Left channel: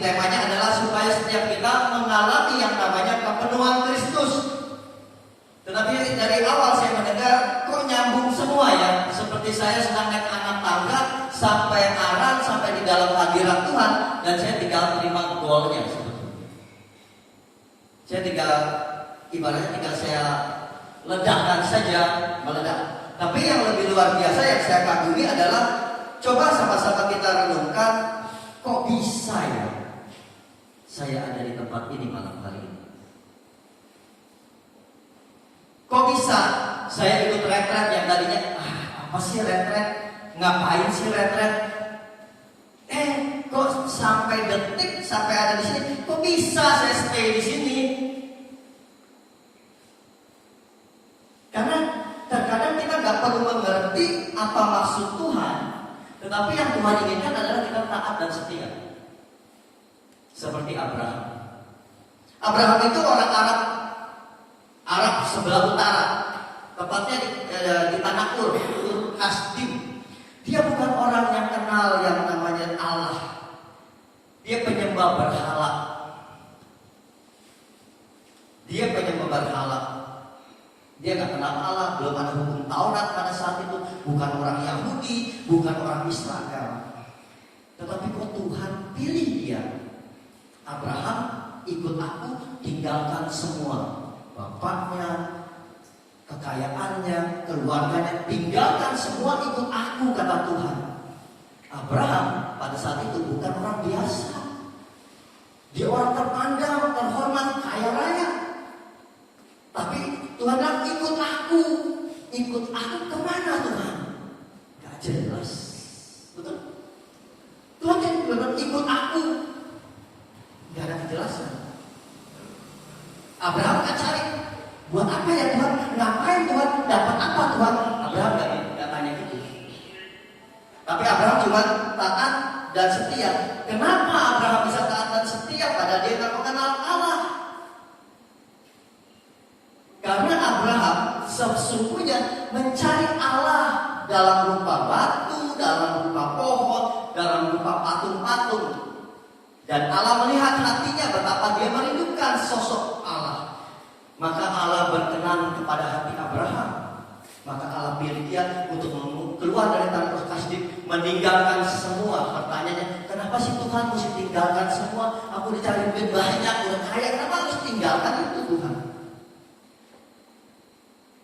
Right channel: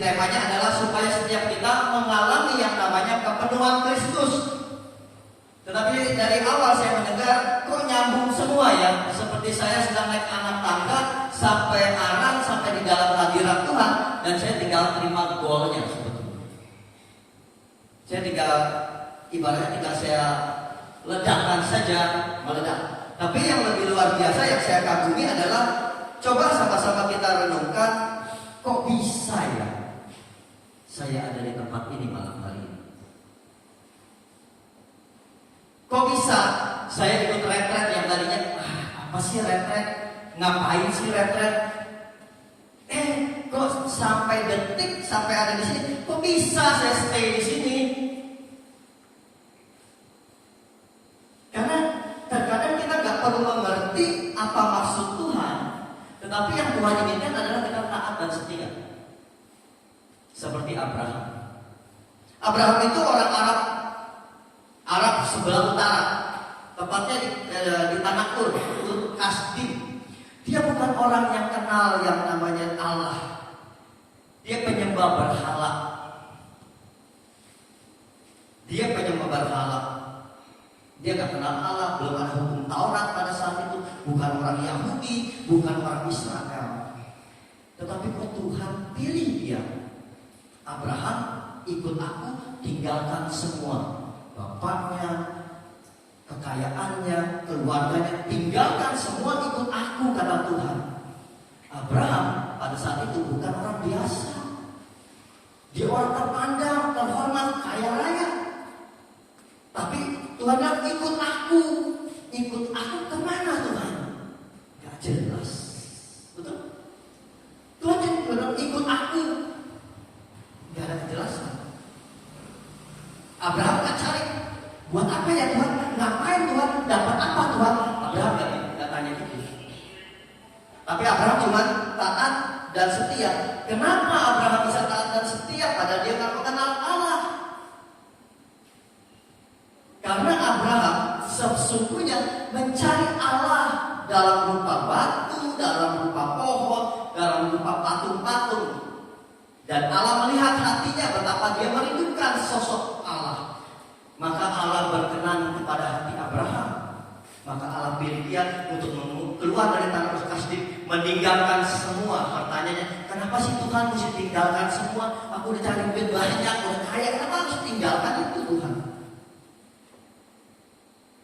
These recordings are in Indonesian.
temanya adalah supaya setiap kita mengalami yang namanya kepenuhan Kristus. Tetapi dari awal saya mendengar kok nyambung semua ya. Seperti saya sedang naik anak tangga sampai arah, sampai di dalam hadirat Tuhan, dan saya tinggal terima golnya sebetulnya. Saya tinggal, ibaratnya tinggal saya ledakan saja, meledak. Tapi yang lebih luar biasa yang saya kagumi adalah coba sama-sama kita renungkan, kok bisa ya saya ada di tempat ini malam hari ini? Kok bisa saya ikut retret yang tadinya apa sih retret? Ngapain sih retret? Kok sampai detik sampai ada di sini? Kok bisa saya stay di sini? Karena terkadang kita nggak perlu mengerti apa maksud Tuhan, tetapi yang Tuhan inginkan adalah kita taat dan setia. Seperti Abraham. Abraham itu orang Arab sebelah utara, tepatnya di tanah Ur Kasdim. Dia bukan orang yang kenal yang namanya Allah. Dia penyembah berhala. Dia nggak kenal Allah, belum ada hukum Taurat pada saat itu. Bukan orang Yahudi, bukan orang Israel. Tetapi kok Tuhan pilih dia. Abraham, ikut aku, tinggalkan semua. Bapaknya, kekayaannya, keluarganya, tinggalkan semua, ikut aku, kata Tuhan. Abraham pada saat itu bukan orang biasa. Dia orang terpandang, terhormat, kaya raya. Tapi Tuhan bilang, ikut aku kemana Tuhan? Gak jelas. Betul? Tuhan jadi bilang, ikut aku. Gak ada kejelasan. Abraham gak cari, buat apa ya Tuhan? Ngapain Tuhan? Dapat apa Tuhan? Abraham gak tanya gitu. Tapi Abraham cuma taat dan setia. Kenapa Abraham bisa taat dan setia? Pada dia gak mengenal Allah. Karena Abraham sesungguhnya mencari Allah dalam rupa batu, dalam rupa pohon, dalam rupa patung-patung. Dan Allah melihat hatinya betapa dia merindukan sosok Allah. Maka Allah berkenan kepada hati Abraham. Maka Allah pilih dia untuk keluar dari tanah Kasdim, meninggalkan semua. Pertanyaannya, kenapa sih Tuhan mesti tinggalkan semua? Aku dicari duit banyak, udah kaya, kenapa harus tinggalkan itu Tuhan?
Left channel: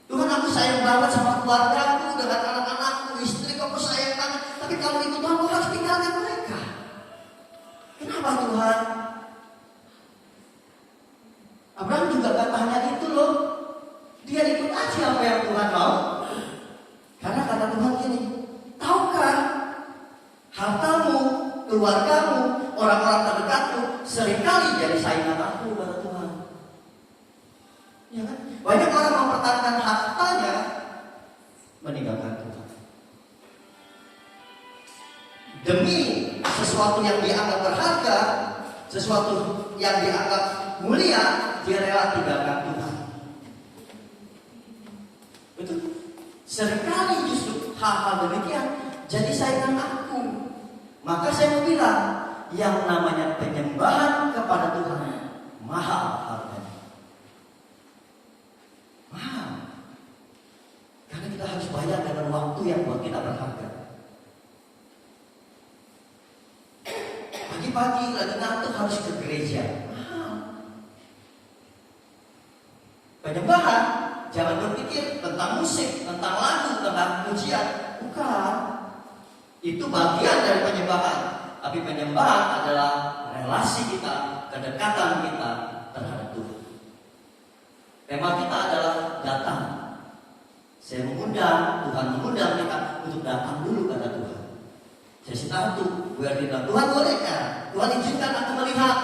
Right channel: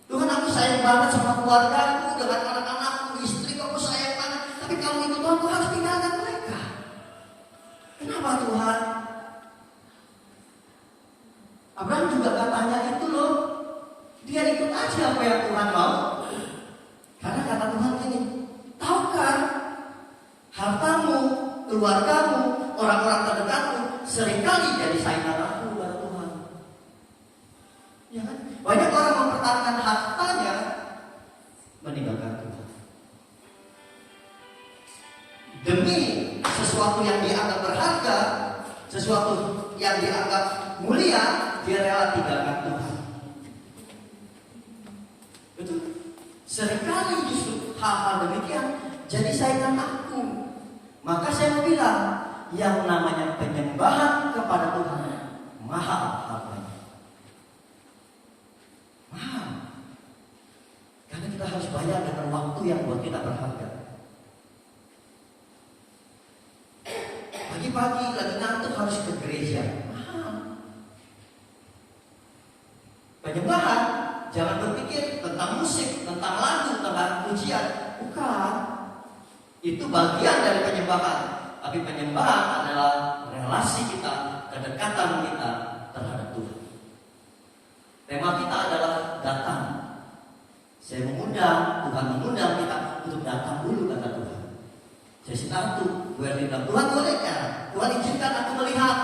Tuhan, aku sayang banget sama keluargaku, dengan anak-anakku, istri aku sayang banget. Tapi kalau itu Tuhan, aku harus tinggalkan mereka. Kenapa Tuhan? Abraham juga gak tanya itu loh. Dia ikut aja apa yang Tuhan mau. Karena kata Tuhan ini, tahukah hartamu, keluargamu, orang-orang terdekatmu seringkali jadi saingan aku, kata Tuhan. Ya kan? Banyak orang mempertahankan hartanya meninggalkan Tuhan. Demi sesuatu yang dianggap berharga, sesuatu yang dianggap mulia, dia rela tinggalkan Tuhan. Betul? Seringkali justru hal-hal demikian jadi saingan aku. Maka saya mau bilang, yang namanya penyembahan kepada Tuhan mahal harganya. Mahal. Karena kita harus bayar dengan waktu yang buat kita berharga. Pagi-pagi lagi ngantuk harus ke gereja. Mahal. Penyembahan, jangan berpikir tentang musik, tentang lagu, tentang pujian. Bukan. Itu bagian dari penyembahan. Tapi penyembahan adalah relasi kita, kedekatan kita terhadap Tuhan. Tema kita adalah datang. Saya mengundang, Tuhan mengundang kita untuk datang dulu, kata Tuhan. Saya sih tahu, gue bilang, Tuhan bolehkah? Tuhan izinkan aku melihat.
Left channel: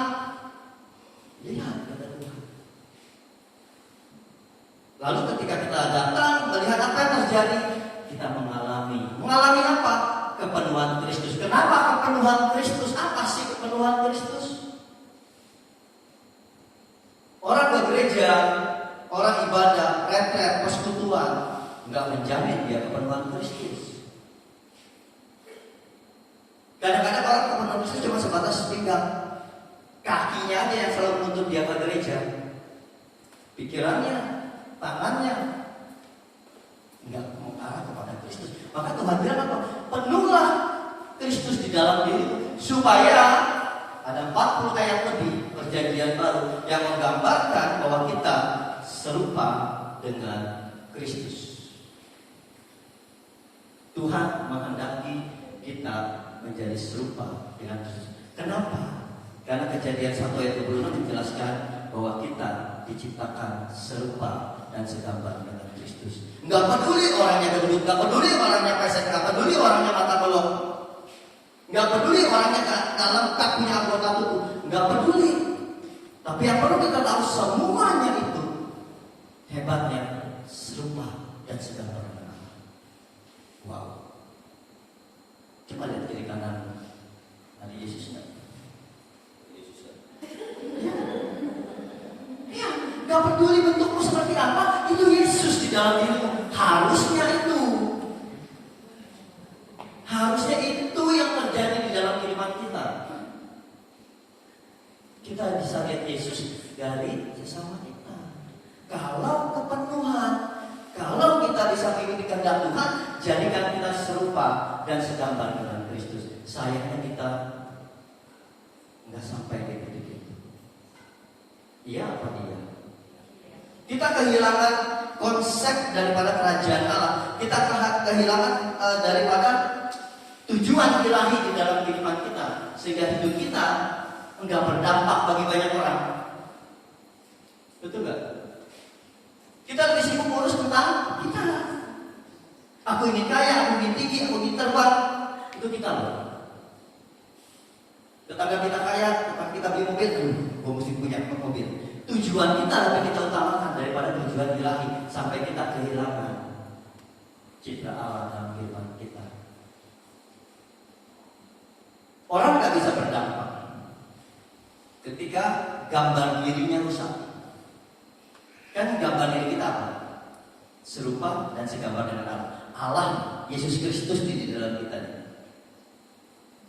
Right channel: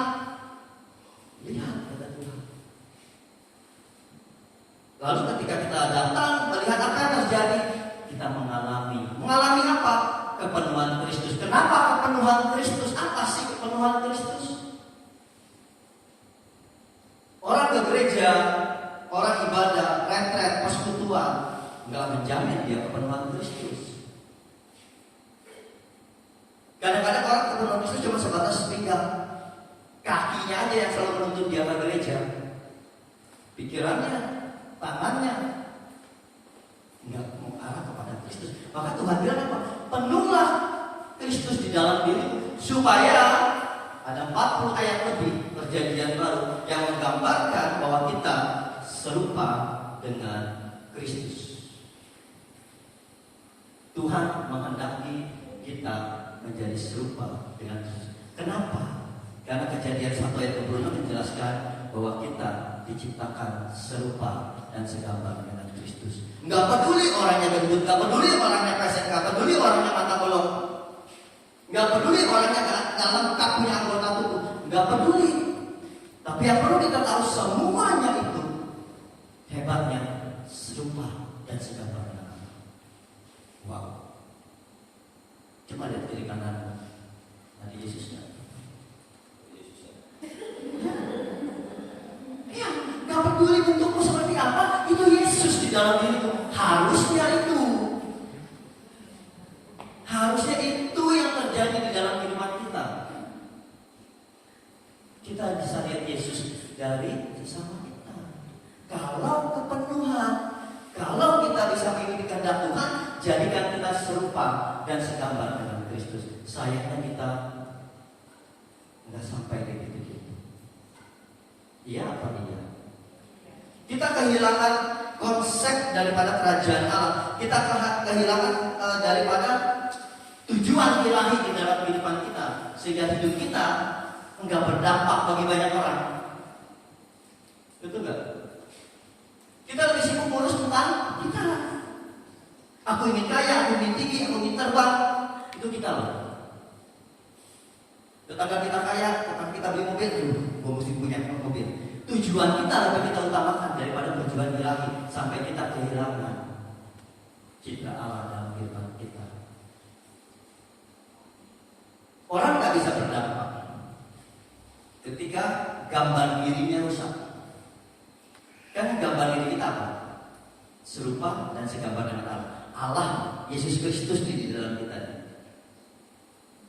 Lihat, kata Tuhan. Lalu ketika kita datang, melihat apa yang terjadi, kita mengalami. Mengalami apa? Kepenuhan Kristus. Kenapa kepenuhan Kristus? Apa sih kepenuhan Kristus? Orang ke gereja, orang ibadah, retret, persekutuan, nggak menjamin dia kepenuhan Kristus. Kadang-kadang orang kepenuhan Kristus cuma sebatas pinggang. Kakinya aja yang selalu menuntut dia ke gereja. Pikirannya, tangannya nggak mengarah kepada Kristus. Maka Tuhan bilang apa? Penuhlah Kristus di dalam dirimu, supaya ada 40 ayat lebih perjanjian baru yang menggambarkan bahwa kita serupa dengan Kristus. Tuhan menghendaki kita menjadi serupa dengan Kristus. Kenapa? Karena Kejadian 1 ayat 26 menjelaskan bahwa kita diciptakan serupa dan segambar dengan Kristus. Nggak peduli orangnya gendut, nggak peduli orangnya pesek, nggak peduli orangnya mata belok, nggak peduli orangnya nggak lengkap punya anggota tubuh, nggak peduli. Tapi yang perlu kita tahu semuanya itu hebatnya serupa dan segambar dengan Allah. Wow. Coba lihat kiri kanan nanti Yesusnya. Ya, nggak peduli bentukmu seperti apa, itu Yesus di dalam dirimu. Harusnya itu yang terjadi di dalam kehidupan kita. Kita bisa lihat Yesus dari sesama kita. Kalau kepenuhan, kalau kita bisa mengikuti kehendak Tuhan, jadikan kita serupa dan segambar dengan Kristus. Sayangnya kita nggak sampai gitu. Iya apa iya? Kita kehilangan konsep daripada kerajaan Allah. Kita kehilangan daripada tujuan ilahi di dalam kehidupan kita, sehingga hidup kita enggak berdampak bagi banyak orang. Betul nggak? Kita lebih sibuk ngurus tentang kita. Aku ingin kaya, aku ingin tinggi, aku ingin terbang. Itu kita loh. Tetangga kita kaya, tetangga kita beli mobil, gue mesti punya mobil. Tujuan kita lebih kita utamakan daripada tujuan ilahi, sampai kita kehilangan citra Allah dalam kehidupan kita. Orang nggak bisa berdampak ketika gambar dirinya rusak. Kan gambar diri kita apa? Serupa dan segambar dengan Allah. Allah, Yesus Kristus di dalam kita.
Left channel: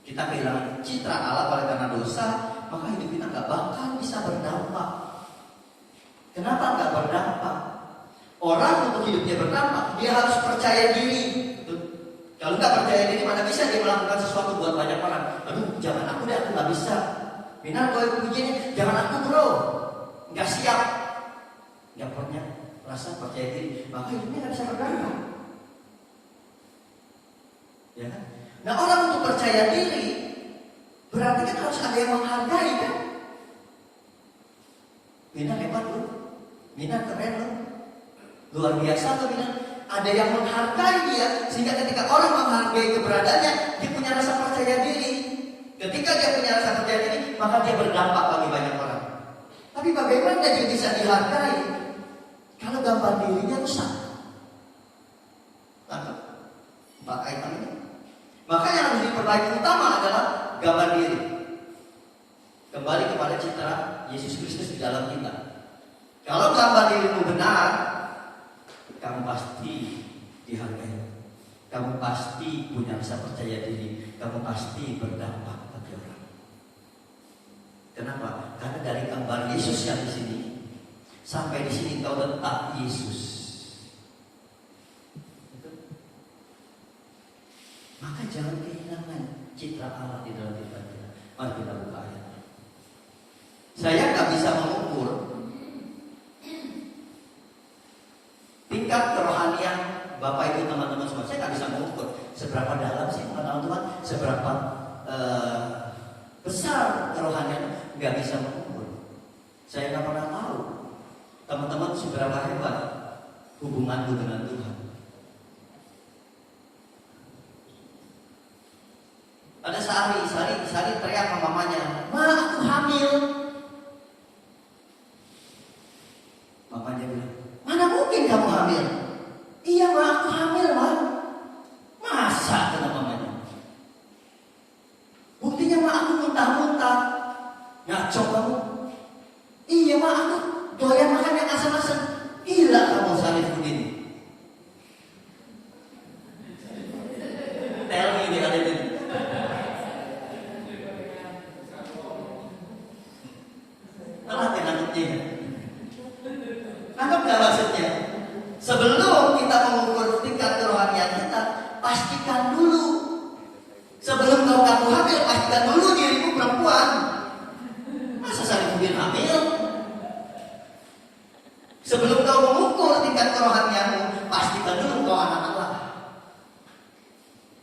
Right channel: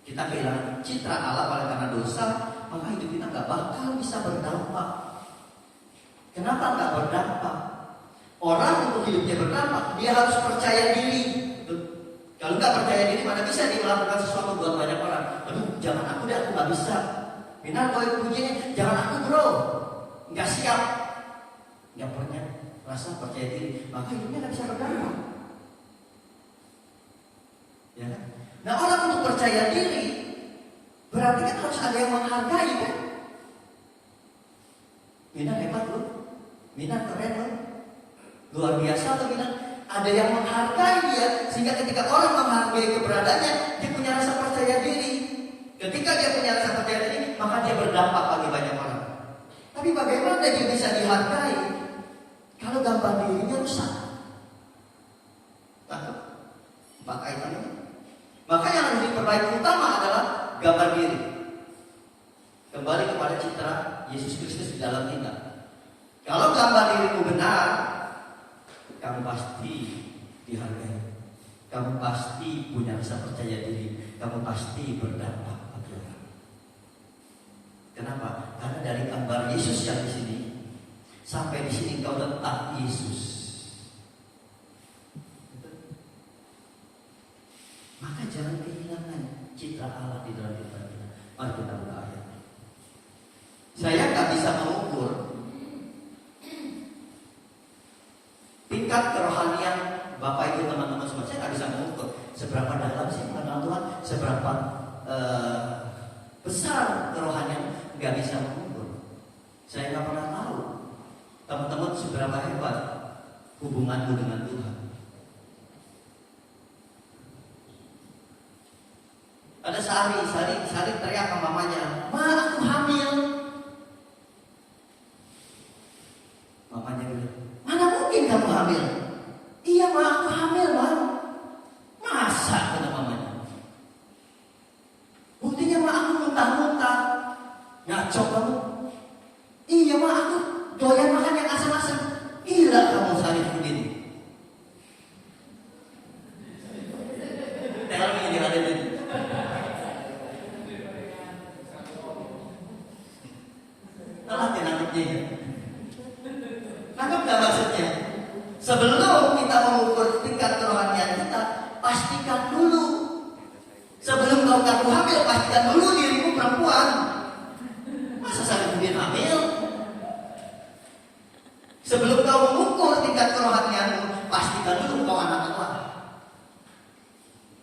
Kita kehilangan citra Allah oleh karena dosa, maka hidup kita nggak bakal bisa berdampak. Kenapa nggak berdampak? Orang untuk hidupnya berdampak, dia harus percaya diri. Kalau nggak percaya diri, mana bisa dia melakukan sesuatu buat banyak orang? Aduh, jangan aku deh, aku nggak bisa. Benar kalau itu pujiannya, jangan aku bro, nggak siap, nggak pernah rasa percaya diri, maka hidupnya nggak bisa berdampak. Ya. Nah, orang untuk percaya diri berarti kan harus ada yang menghargai kan? Mina hebat loh, Mina keren loh, luar biasa tuh Mina. Ada yang menghargai dia, sehingga ketika orang menghargai keberadaannya, dia punya rasa percaya diri. Ketika dia punya rasa percaya diri, maka dia berdampak bagi banyak orang. Tapi bagaimana dia bisa dihargai kalau gambar dirinya rusak? Tangkap 4 item ini. Maka yang harus diperbaiki utama adalah gambar diri. Kembali kepada citra Yesus Kristus di dalam kita. Kalau gambar dirimu benar, kamu pasti dihargai. Kamu pasti punya rasa percaya diri. Kamu pasti berdampak bagi orang. Kenapa? Karena dari gambar Yesus yang di sini sampai di sini kau tetap Yesus. Maka jangan kehilangan citra Allah di dalam kita. Mari kita buka ayat. Saya nggak bisa mengukur tingkat kerohanian Bapak Ibu teman-teman semua. Saya nggak bisa mengukur seberapa dalam sih mengenal Tuhan, seberapa besar kerohanian, nggak bisa mengukur. Saya nggak pernah tahu teman-teman seberapa hebat hubungan dengan Tuhan. Ada Sari teriak sama mamanya, "Ma, aku hamil." Mamanya bilang, "Mana mungkin kamu hamil?" "Iya, Ma, aku hamil, Ma." "Masa?" kata mamanya. "Buktinya, Ma, aku muntah-muntah." "Ngaco kamu." "Iya, Ma, aku doyan makan yang asam-asam." "Gila kamu, Sarifuddin." Tell me, Nanti nangkepnya. Nangkep nggak maksudnya? Sebelum kita mengukur tingkat kerohanian kita, pastikan dulu. Sebelum kau ngaku hamil, pastikan dulu dirimu perempuan. Masa saling mungkin hamil? Sebelum kau mengukur tingkat kerohanianmu, pastikan dulu kau anak Allah.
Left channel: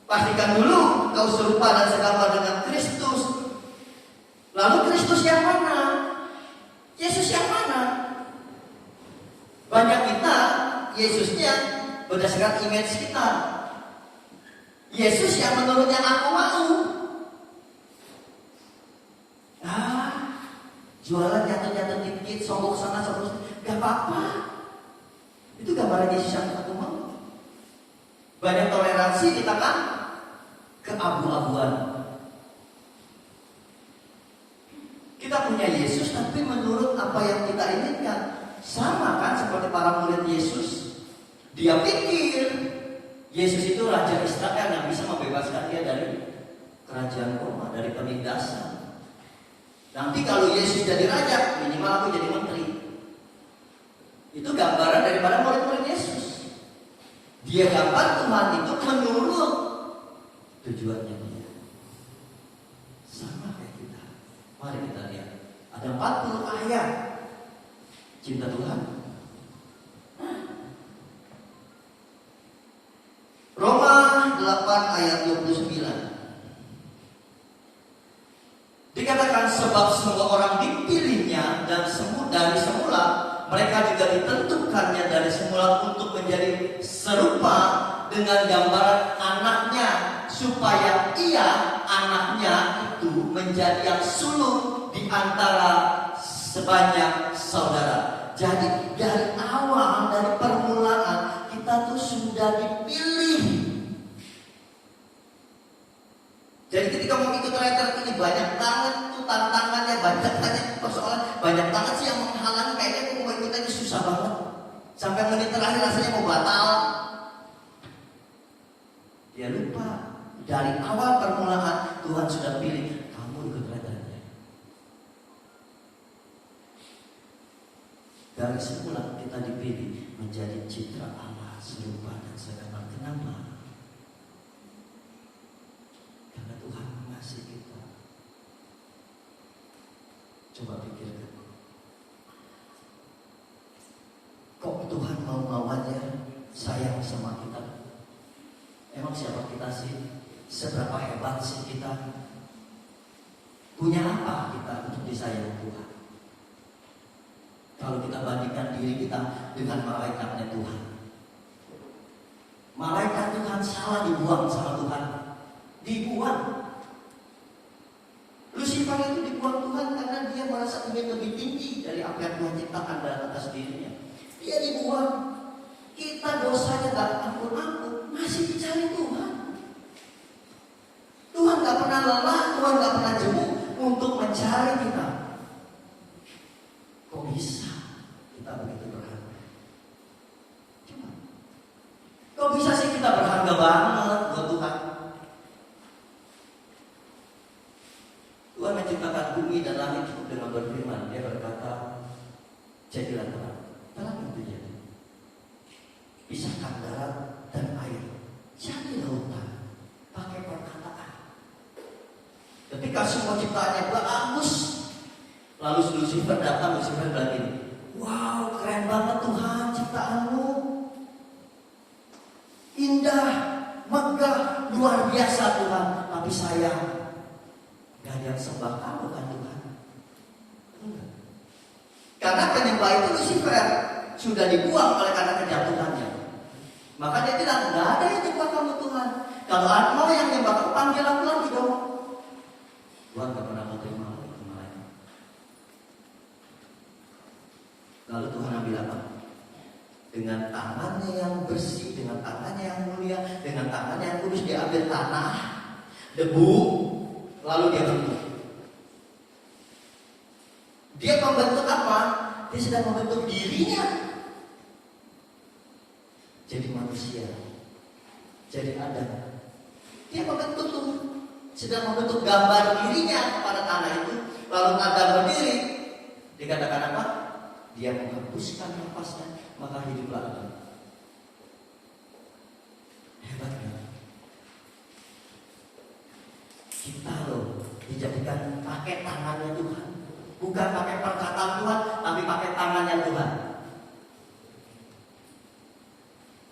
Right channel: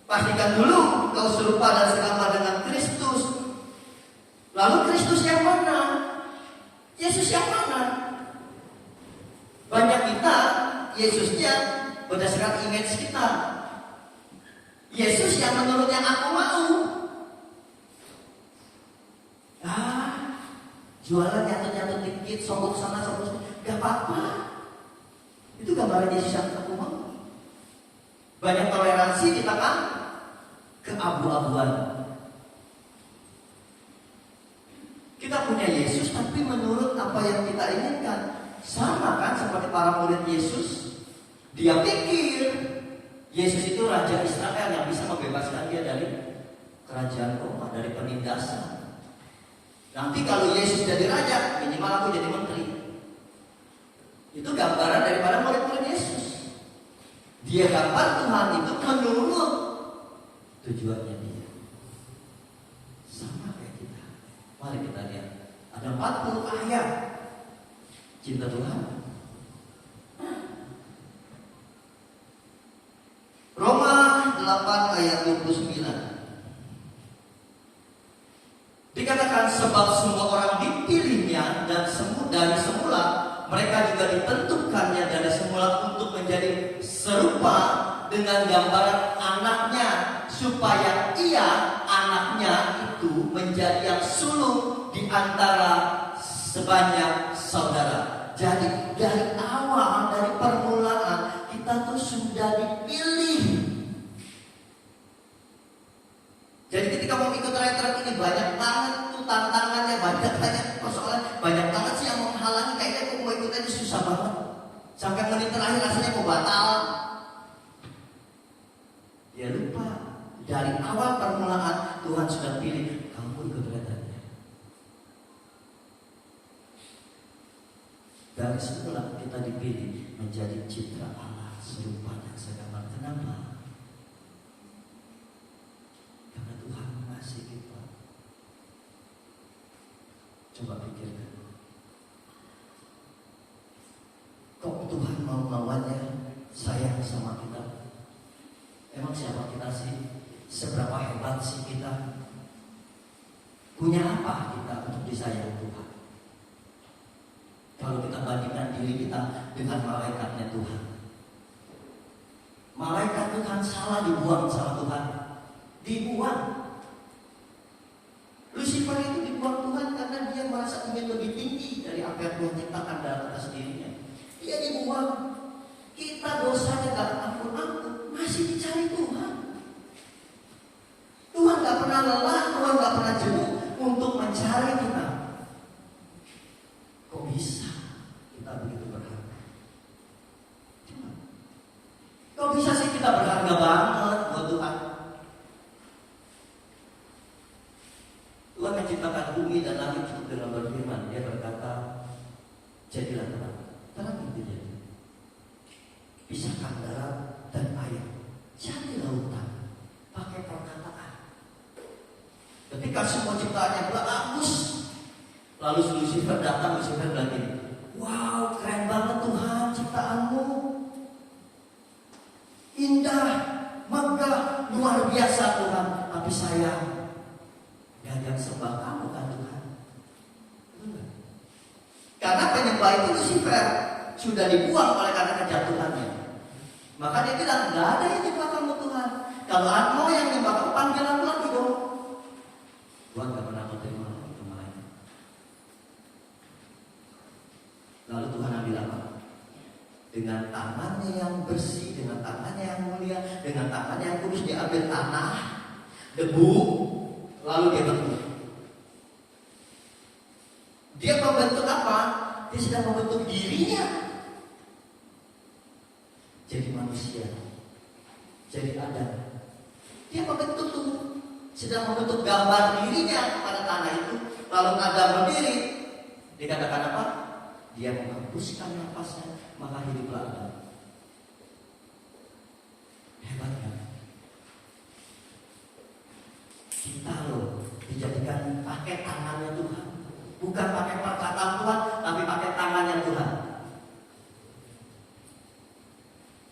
Pastikan dulu kau serupa dan selama dengan Kristus. Lalu Kristus yang mana? Yesus yang mana? Banyak kita, Yesusnya berdasarkan image kita. Yesus yang menurutnya aku mau. Jualan jatuh-jatuh dikit, sogok sana, sogok sana, gak apa-apa. Itu gambaran Yesus yang aku mau. Banyak toleransi di tengah keabu-abuan. Kita punya Yesus, tapi menurut apa yang kita inginkan. Sama kan seperti para murid Yesus. Dia pikir Yesus itu Raja Israel yang bisa membebaskan dia dari kerajaan Roma, dari penindasan. Nanti kalau Yesus jadi raja, minimal aku jadi menteri. Itu gambaran daripada murid-murid Yesus. Dia gambar Tuhan itu menurut tujuannya dia. Sama kayak kita. Mari kita lihat. Ada 40 ayat cinta Tuhan. Roma 8 ayat 29. Dikatakan sebab semua orang dipilihnya dan dari semula mereka juga ditentukannya dari semula untuk menjadi serupa dengan gambaran anaknya, supaya ia anaknya itu menjadi yang sulung di antara sebanyak saudara. Jadi dari awal, dari permulaan kita tuh sudah dipilih. Jadi ketika mau ikut retret ini banyak banget tuh tantangannya, banyak persoalan, banyak banget sih yang menghalangi. Kayaknya aku mau ikut aja susah banget. Sampai menit terakhir rasanya mau batal. Dia lupa dari awal permulaan Tuhan sudah pilih kamu ikut retretnya. Dari semula kita dipilih menjadi citra Allah serupa dan segambar. Kenapa? Coba pikirkan. Kok Tuhan mau lawannya sayang sama kita? Emang siapa kita sih? Seberapa hebat sih kita? Punya apa kita untuk disayang Tuhan? Kalau kita bandingkan diri kita dengan malaikatnya Tuhan. Malaikat Tuhan salah dibuang sama Tuhan. Dibuang. Lucifer itu dibuang Tuhan karena dia merasa ingin lebih tinggi dari apa yang Tuhan ciptakan dalam atas dirinya. Dia dibuang. Kita dosanya gak ampun-ampun, masih dicari Tuhan. Tuhan gak pernah lelah, Tuhan gak pernah jemu untuk mencari kita. Kok bisa kita begitu berharga? Kok bisa sih kita berharga banget buat Tuhan? Tuhan menciptakan bumi dan langit dengan berfirman. Dia berkata, jadilah terang. Terang itu jadi. Pisahkan darat dan air. Jadi lautan. Pakai perkataan. Ketika semua ciptaannya bagus, lalu Lucifer datang, Lucifer bilang gini, wow, keren banget Tuhan ciptaanmu. Indah, megah, luar biasa Tuhan. Tapi sayang, yang sembah kamu kan Tuhan. Karena penyembah itu Lucifer sudah dibuang oleh karena kejatuhannya. Maka dia bilang, nggak ada yang nyembah kamu Tuhan. Kalau aku mau yang nyembah kamu, panggil aku lagi dong. Tuhan gak pernah menerima kemarin. Lalu Tuhan ambil apa? Dengan tangannya yang bersih, dengan tangannya yang mulia, dengan tangannya yang kudus, dia ambil tanah, debu, lalu dia bentuk. Dia membentuk apa? Dia sedang membentuk dirinya. Jadi manusia. Jadi Adam. Dia membentuk tuh. Sedang membentuk gambar dirinya pada tanah itu. Lalu Adam berdiri. Dikatakan apa? Dia menghembuskan nafasnya, maka hiduplah Adam. Hebatnya. Kita loh dijadikan pakai tangannya Tuhan. Bukan pakai perkataan Tuhan, tapi pakai tangannya Tuhan.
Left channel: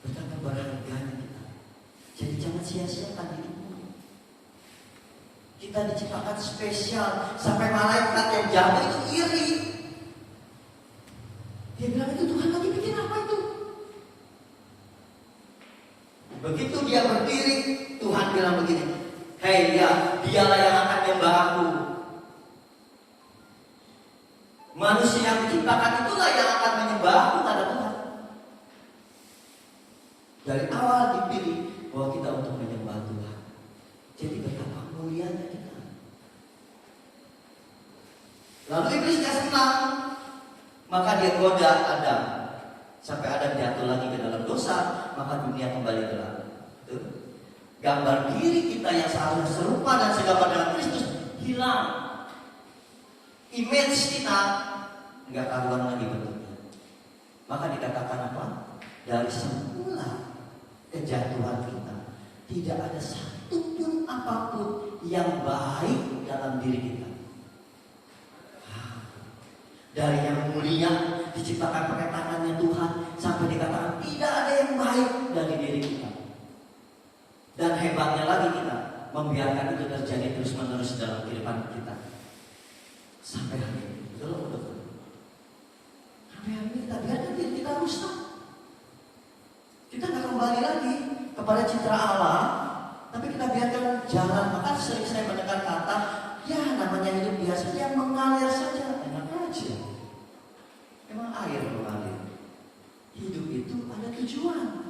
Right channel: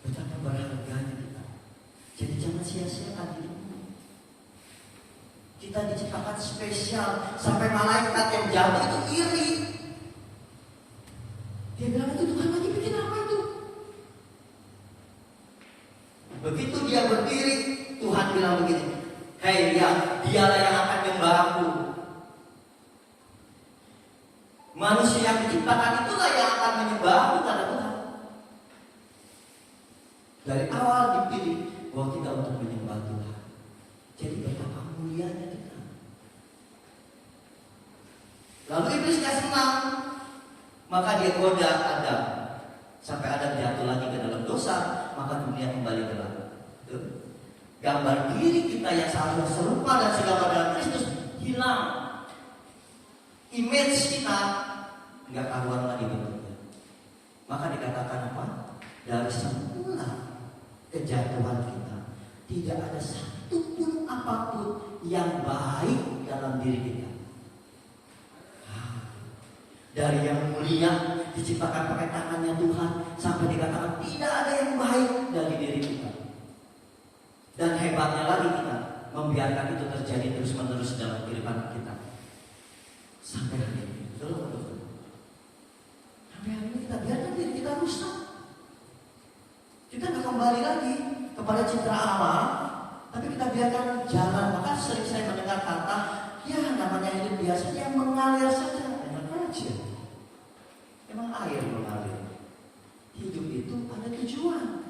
Betapa berharganya kita. Jadi jangan sia-siakan hidupmu. Kita diciptakan spesial. Sampai malaikat yang jauh itu iri. Dia bilang, itu Tuhan lagi bikin apa itu? Begitu dia berdiri, Tuhan bilang begini, hei ya, dialah yang akan menyembah aku. Manusia yang diciptakan itulah yang akan menyembah aku, kata Tuhan. Dari awal dipilih bahwa kita untuk menyembah Tuhan. Jadi betapa mulianya kita. Lalu iblis gak senang, maka dia goda Adam. Sampai Adam jatuh lagi ke dalam dosa, maka dunia kembali gelap. Gambar diri kita yang seharusnya serupa dan segambar dengan Kristus hilang. Image kita nggak karuan lagi bentuknya. Maka dikatakan apa? Dari semula kejatuhan kita, tidak ada satupun apapun yang baik dalam diri kita. Dari yang mulia diciptakan pakai tangannya Tuhan, sampai dikatakan tidak ada yang baik dari diri kita. Dan hebatnya lagi kita membiarkan itu terjadi terus menerus dalam kehidupan kita sampai hari ini. Betul. Sampai hari ini kita biarkan diri kita rusak. Kita nggak kembali lagi kepada citra Allah, tapi kita biarkan jalan. Maka sering saya mendengar kata, ya namanya hidup biasa yang mengalir saja, enak aja. Memang air mengalir. Hidup itu ada tujuan.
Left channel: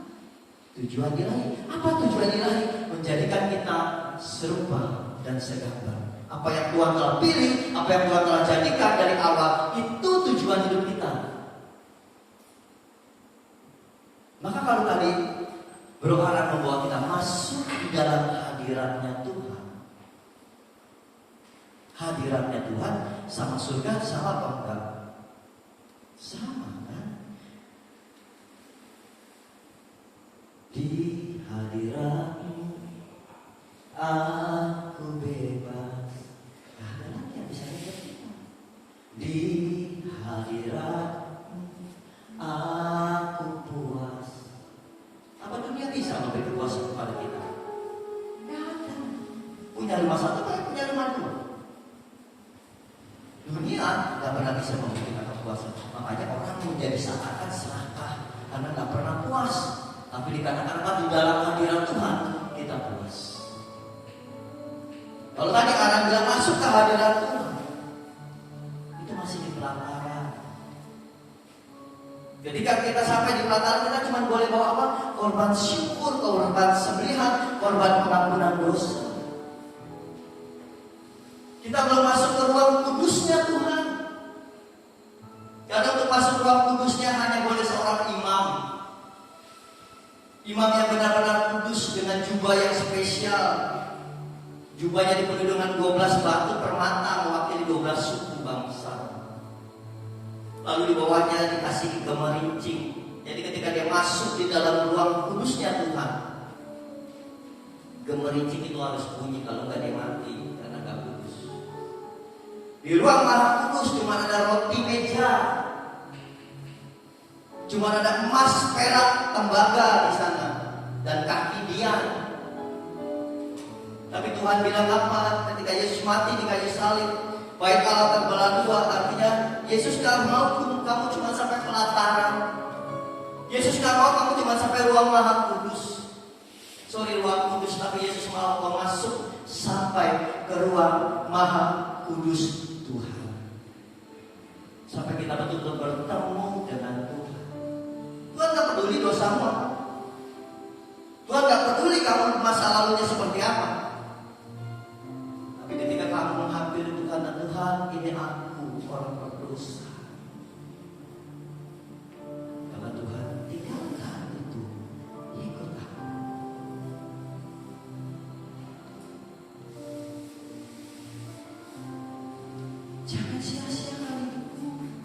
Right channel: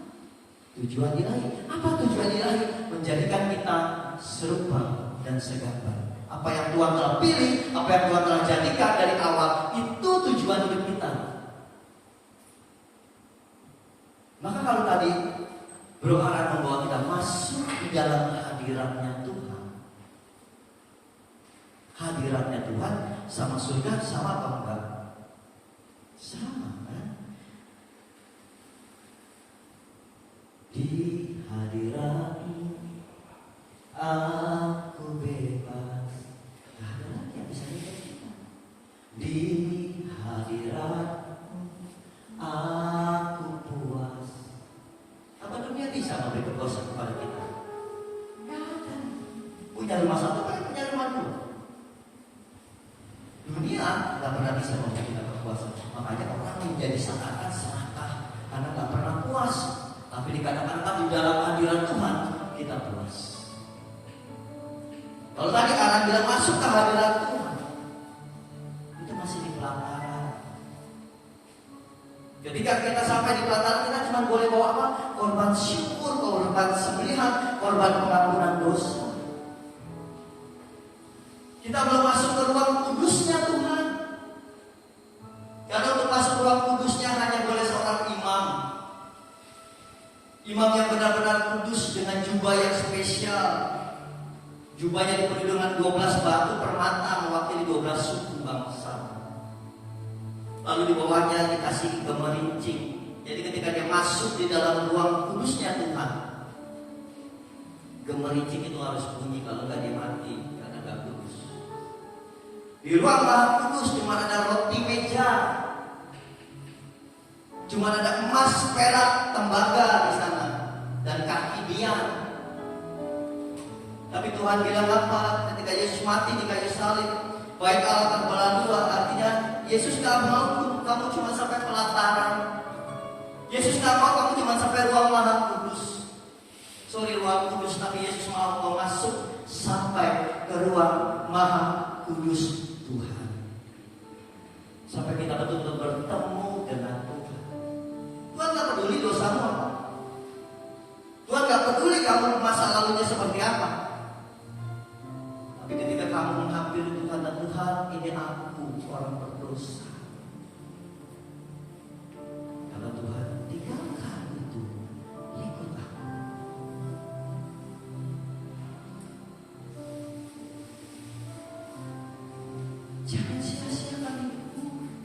Tujuan ilahi. Apa tujuan ilahi? Menjadikan kita serupa dan segambar. Apa yang Tuhan telah pilih, apa yang Tuhan telah jadikan dari awal, itu tujuan hidup kita. Maka kalau tadi Bro Aran membawa kita masuk di dalam hadiratnya Tuhan. Hadiratnya Tuhan sama surga sama apa enggak? Sama kan? Di hadiratmu aku bebas. Ada lagi yang bisa kita. Di hadiratmu aku puas. Apa dunia bisa memberi kepuasan kepada kita? Tidak ada. Punya rumah satu kan punya rumah dua. Dunia tidak pernah bisa memberi kita kepuasan. Makanya orang menjadi seakan serakah karena tidak pernah puas. Tapi dikatakan di dalam hadirat Tuhan kita puas. Kalau tadi Aran bilang masuk ke hadirat Tuhan, itu masih di pelataran. Ketika kita sampai di pelataran, kita cuma boleh bawa apa? Korban syukur, korban sembelihan, korban pengampunan dosa. Kita belum masuk ke ruang kudusnya Tuhan. Karena untuk masuk ke ruang kudusnya hanya boleh seorang imam. Imam yang benar-benar kudus dengan jubah yang spesial. Jubahnya dipenuhi dengan 12 batu permata mewakili 12 suku bangsa. Lalu di bawahnya dikasih gemerincing. Jadi ketika dia masuk di dalam ruang kudusnya Tuhan, gemerincing itu harus bunyi, kalau nggak dia mati karena nggak kudus. Di ruang maha kudus cuma ada roti meja, cuma ada emas, perak, tembaga di sana dan kaki dia. Tapi Tuhan bilang apa? Ketika Yesus mati di kayu salib, baik Allah terbelah dua. Artinya Yesus gak mau kamu cuma sampai pelataran. Yesus gak mau kamu cuma sampai ruang maha kudus. Ruang kudus, tapi Yesus mau kamu masuk sampai ke ruang maha kudus Tuhan. Sampai kita betul-betul bertemu dengan Tuhan. Tuhan gak peduli dosamu apa. Tuhan gak peduli kamu masa lalunya seperti apa. Tapi ketika kamu menghampiri Tuhan dan Tuhan, ini aku orang berdosa. Karena Tuhan tinggalkan itu, ikut aku. Jangan sia-siakan hidupmu.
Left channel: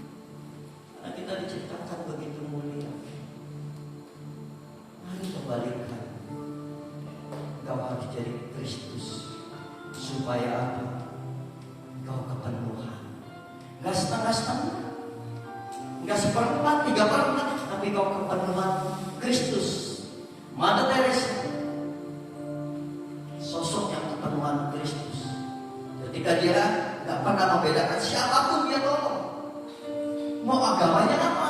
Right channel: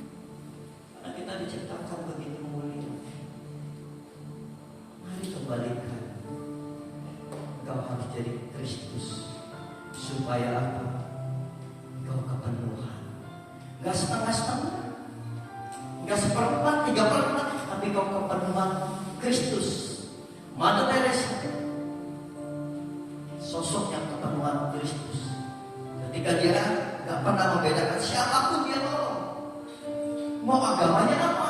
Gak setengah-setengah, gak seperempat, 3/4, tapi kau kepenuhan Kristus. Mother Teresa, sosok yang kepenuhan Kristus. Ketika dia gak pernah membedakan siapapun dia tolong. Mau agamanya apa,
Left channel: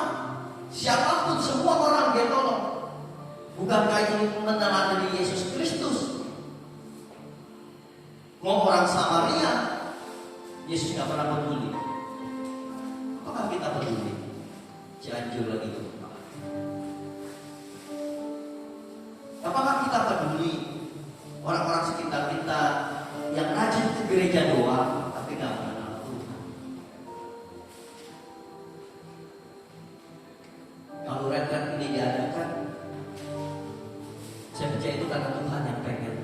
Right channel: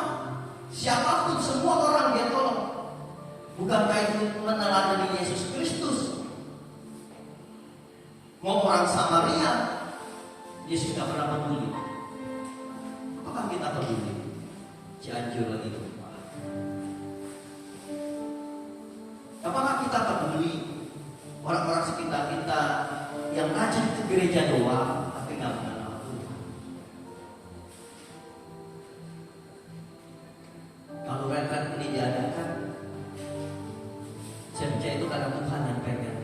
siapapun, semua orang dia tolong. Bukankah itu meneladani Yesus Kristus? Mau orang Samaria, Yesus gak pernah peduli. Apakah kita peduli? Cianjur itu. Apakah kita peduli orang-orang sekitar kita yang rajin ke gereja doang, tapi gak mengenal Tuhan? Kalau retret ini diadakan, saya percaya itu karena Tuhan yang pengen,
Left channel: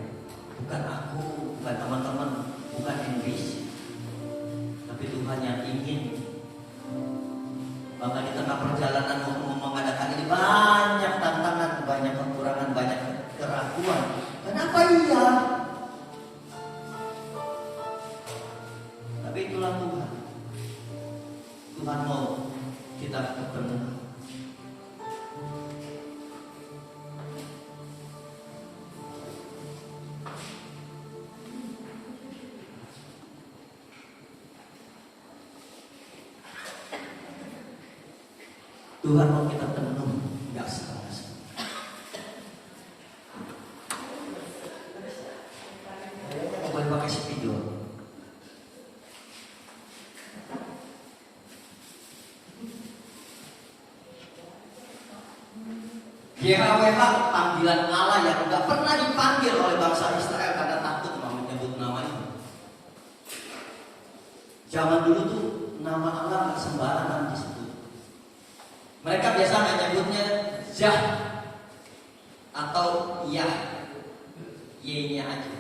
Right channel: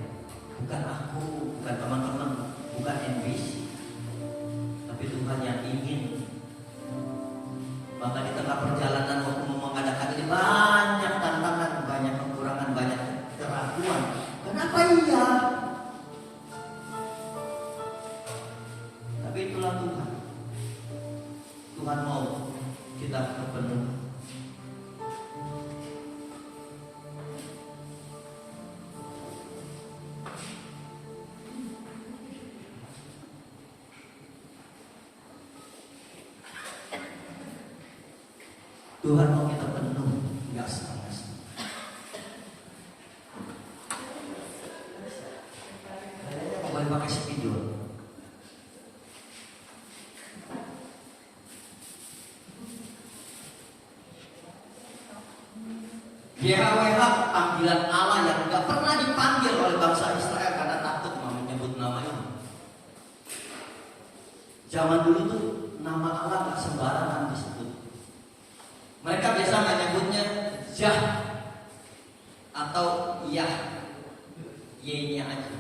bukan aku, bukan teman-teman, bukan NBC, tapi Tuhan yang ingin. Maka di tengah perjalanan mengadakan ini banyak tantangan, banyak kekurangan, banyak keraguan. Kenapa iya? Tapi itulah Tuhan. Tuhan mau kita kepenuhan. Tuhan mau kita penuh, nggak setengah-setengah. Boleh pakai spidol. YHWH, panggilan Allah yang nggak pernah dipanggil oleh bangsa Israel karena takut mau menyebut nama itu. Zaman dulu tuh nama Allah nggak sembarangan disebut. Mereka biasa menyebutnya Jah atau Yah, Y-nya aja.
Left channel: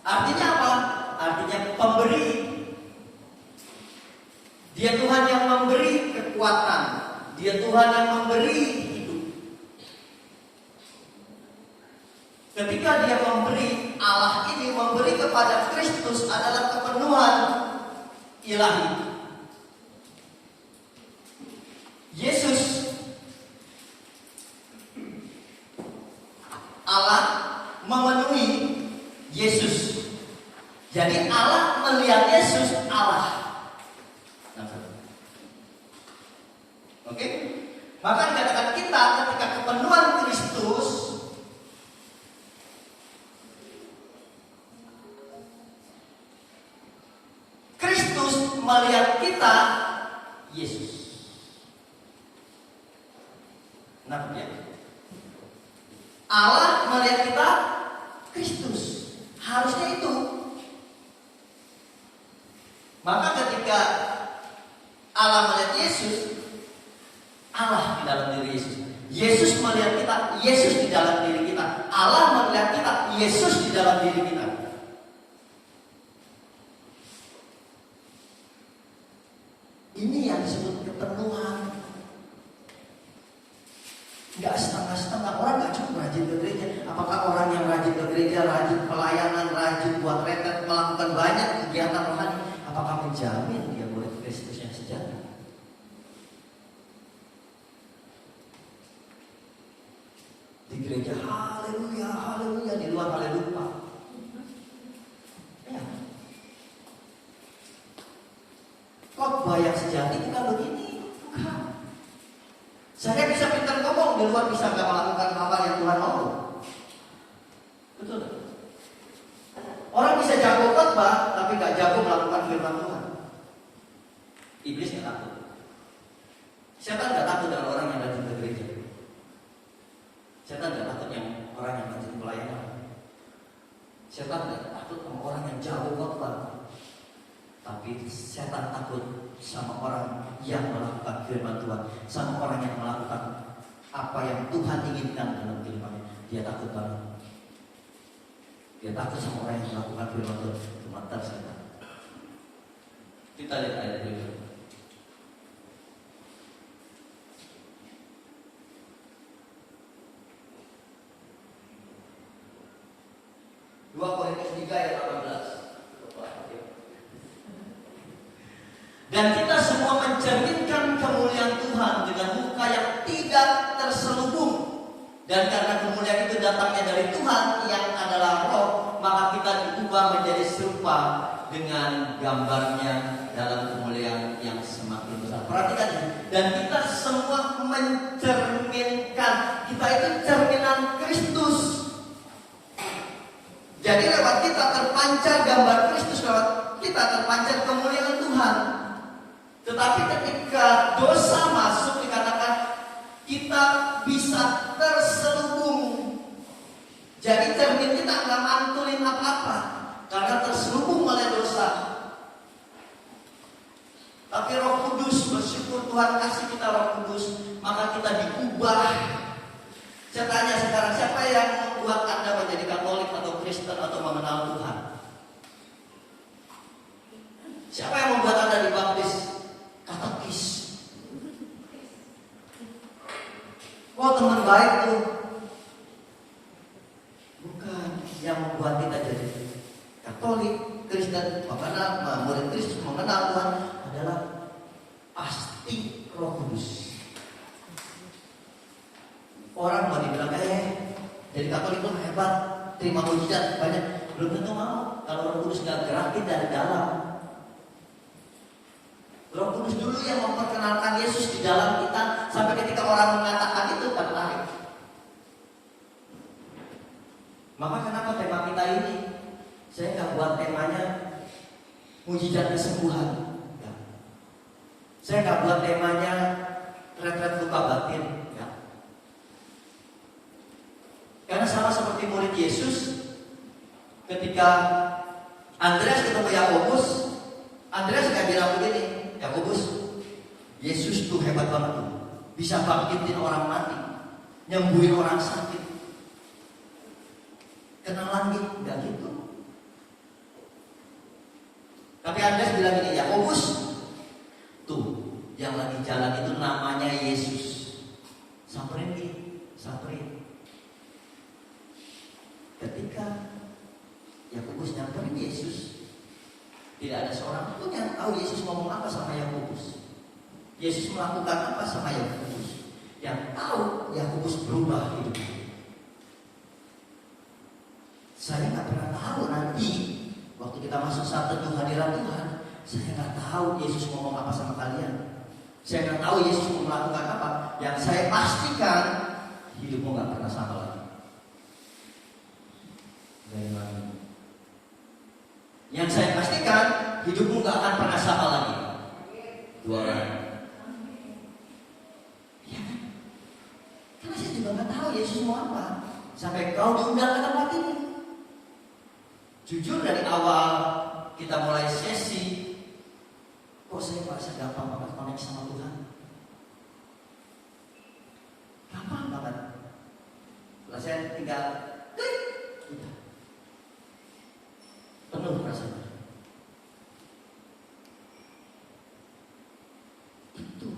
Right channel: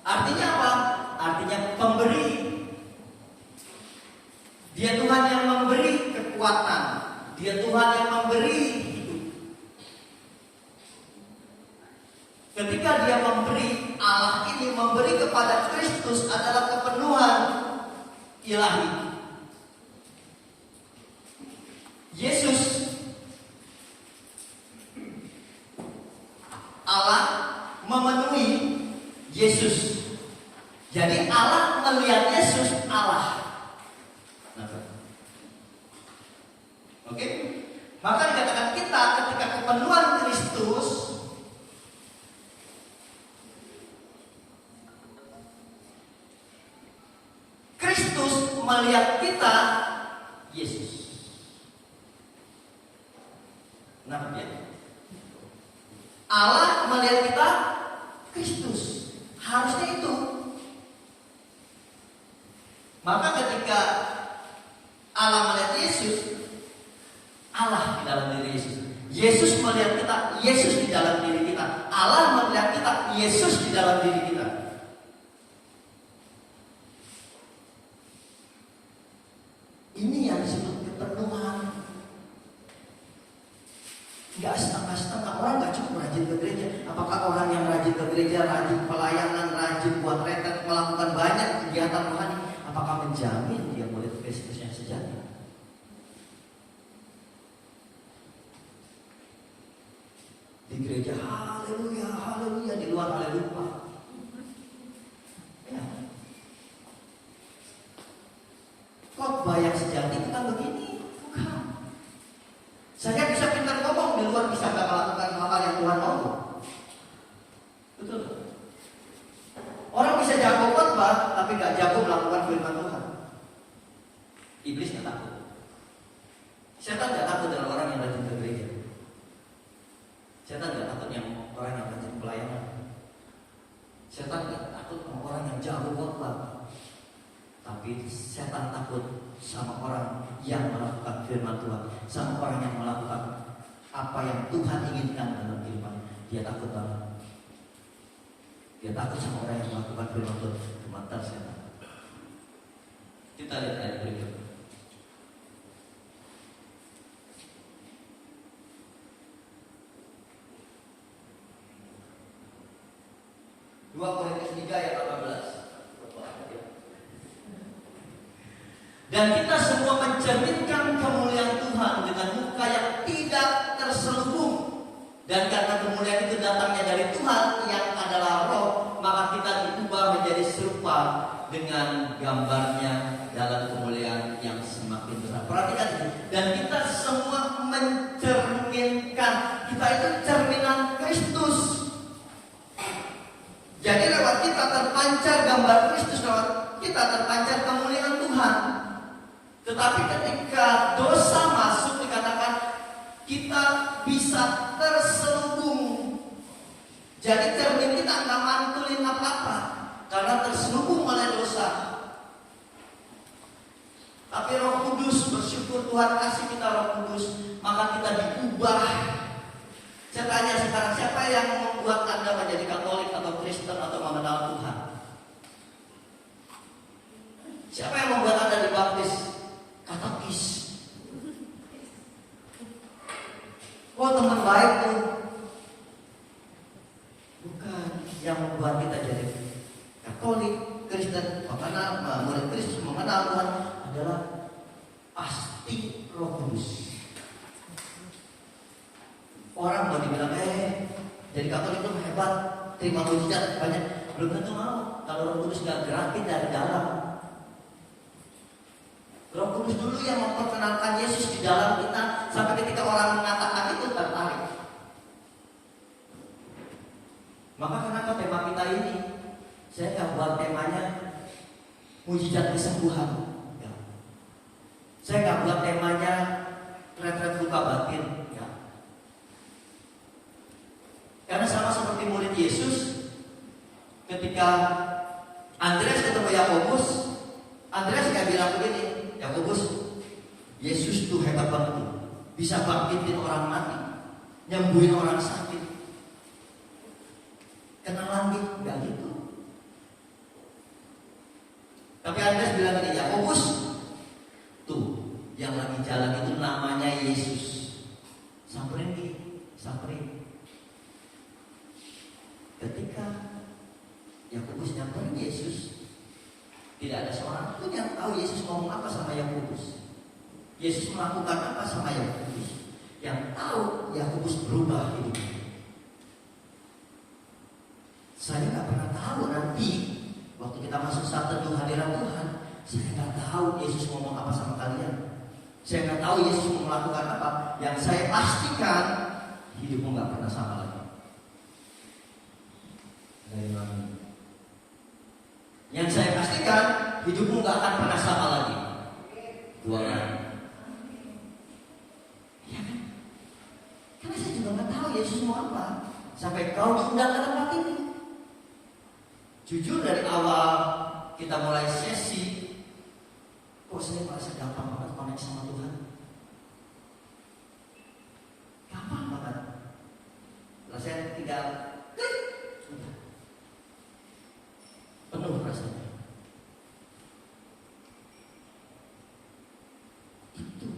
Artinya apa? Artinya pemberi. Dia Tuhan yang memberi kekuatan. Dia Tuhan yang memberi hidup. Ketika dia memberi, Allah ini memberi kepada Kristus adalah kepenuhan ilahi. Yesus, Allah memenuhi Yesus. Jadi Allah melihat Yesus Allah. Oke? Maka dikatakan kita ketika kepenuhan Kristus, Kristus melihat kita Yesus. Namanya Allah melihat kita Kristus. Harusnya itu. Maka ketika Allah melihat Yesus, Allah di dalam diri Yesus. Yesus melihat kita, Yesus di dalam diri kita. Allah melihat kita, Yesus di dalam diri kita. Ini yang disebut kepenuhan. Gak setengah-setengah. Orang gak cukup rajin ke gereja. Apakah orang yang rajin ke gereja, rajin pelayanan, rajin buat retret, melakukan banyak kegiatan rohani, apakah menjamin dia murid Kristus yang sejati? Di gereja haleluya, haleluya, di luar haleluya. Ya. Khotbah yang sejati bukan begini. Bukan. Saya bisa pintar ngomong, di luar bisa gak melakukan hal yang Tuhan mau. Betul. Orang bisa jago khotbah, tapi gak jago melakukan firman Tuhan. Iblis gak takut. Setan gak takut dengan orang yang rajin ke gereja. Setan gak takut yang orang yang rajin pelayanan. Setan gak takut sama orang yang jago khotbah. Tapi setan takut sama orang yang melakukan firman Tuhan, sama orang yang melakukan apa yang Tuhan inginkan dalam kehidupannya. Dia takut banget. Dia takut sama orang yang melakukan firman Tuhan. Mantap setan. Kita lihat ayat berikut. Dua Korintus 3 ayat 18. Dan kita semua mencerminkan kemuliaan Tuhan dengan muka yang tidak terselubung. Dan karena kemuliaan itu datangnya dari Tuhan yang adalah Roh, maka kita diubah menjadi serupa dengan gambarnya dalam kemuliaan yang semakin besar. Perhatikan ini. Dan kita semua mencerminkan, kita itu cerminan Kristus. Jadi lewat kita terpancar gambar Kristus, lewat kita terpancar kemuliaan Tuhan. Tetapi ketika dosa masuk, dikatakan kita bisa terselubung. Jadi cermin kita nggak mantulin apa-apa karena terselubung oleh dosa. Tapi Roh Kudus, bersyukur Tuhan kasih kita Roh Kudus, maka kita diubah. Saya tanya sekarang, siapa yang membuat Anda menjadi Katolik atau Kristen atau mengenal Tuhan? Siapa yang membuat Anda dibaptis? Katekis. Oh, teman baik tuh. Bukan. Yang membuat kita jadi Katolik, Kristen, mengenal, murid Kristus, mengenal Tuhan adalah pasti Roh Kudus. Orang mau dibilang jadi Katolik itu hebat, terima mujizat banyak, belum tentu mau kalau Roh Kudus nggak gerakin dari dalam. Roh Kudus dulu yang memperkenalkan Yesus di dalam kita, sampai ketika orang mengatakan itu tertarik. Maka kenapa tema kita ini? Saya nggak buat temanya mujizat kesembuhan. Ya. Saya nggak buat temanya retret luka batin. Ya. Karena sama seperti murid Yesus, ketika Andreas ketemu Yakobus, Andreas nggak bilang begini, Yakobus, Yesus tuh hebat banget tuh, bisa bangkitin orang mati, nyembuhin orang sakit. Kenalan gitu, nggak gitu. Tapi Andreas bilang gini, Yakobus, tuh yang lagi jalan itu namanya Yesus. Samperin dia, samperin. Ketika Yakobus nyamperin Yesus, tidak ada seorang pun yang tahu Yesus ngomong apa sama Yakobus. Yesus melakukan apa sama Yakobus. Yang tahu Yakobus berubah hidupnya. Saya nggak pernah tahu nanti waktu kita masuk saat teduh hadirat Tuhan, saya nggak tahu Yesus ngomong apa sama kalian. Saya nggak tahu Yesus mau melakukan apa. Yang saya pastikan hidupmu nggak pernah sama lagi. Yang saya pastikan hidupmu nggak akan pernah sama lagi. Dua orang. Ya kan? Karena saya juga nggak tahu Yesus mau apa. Sampai kau diundang ke tempat ini. Jujur dari awal kita mulai sesi, kok saya merasa gampang banget connect sama Tuhan. Gampang banget. Lalu saya tinggal klik. Penuh rasanya. Itu.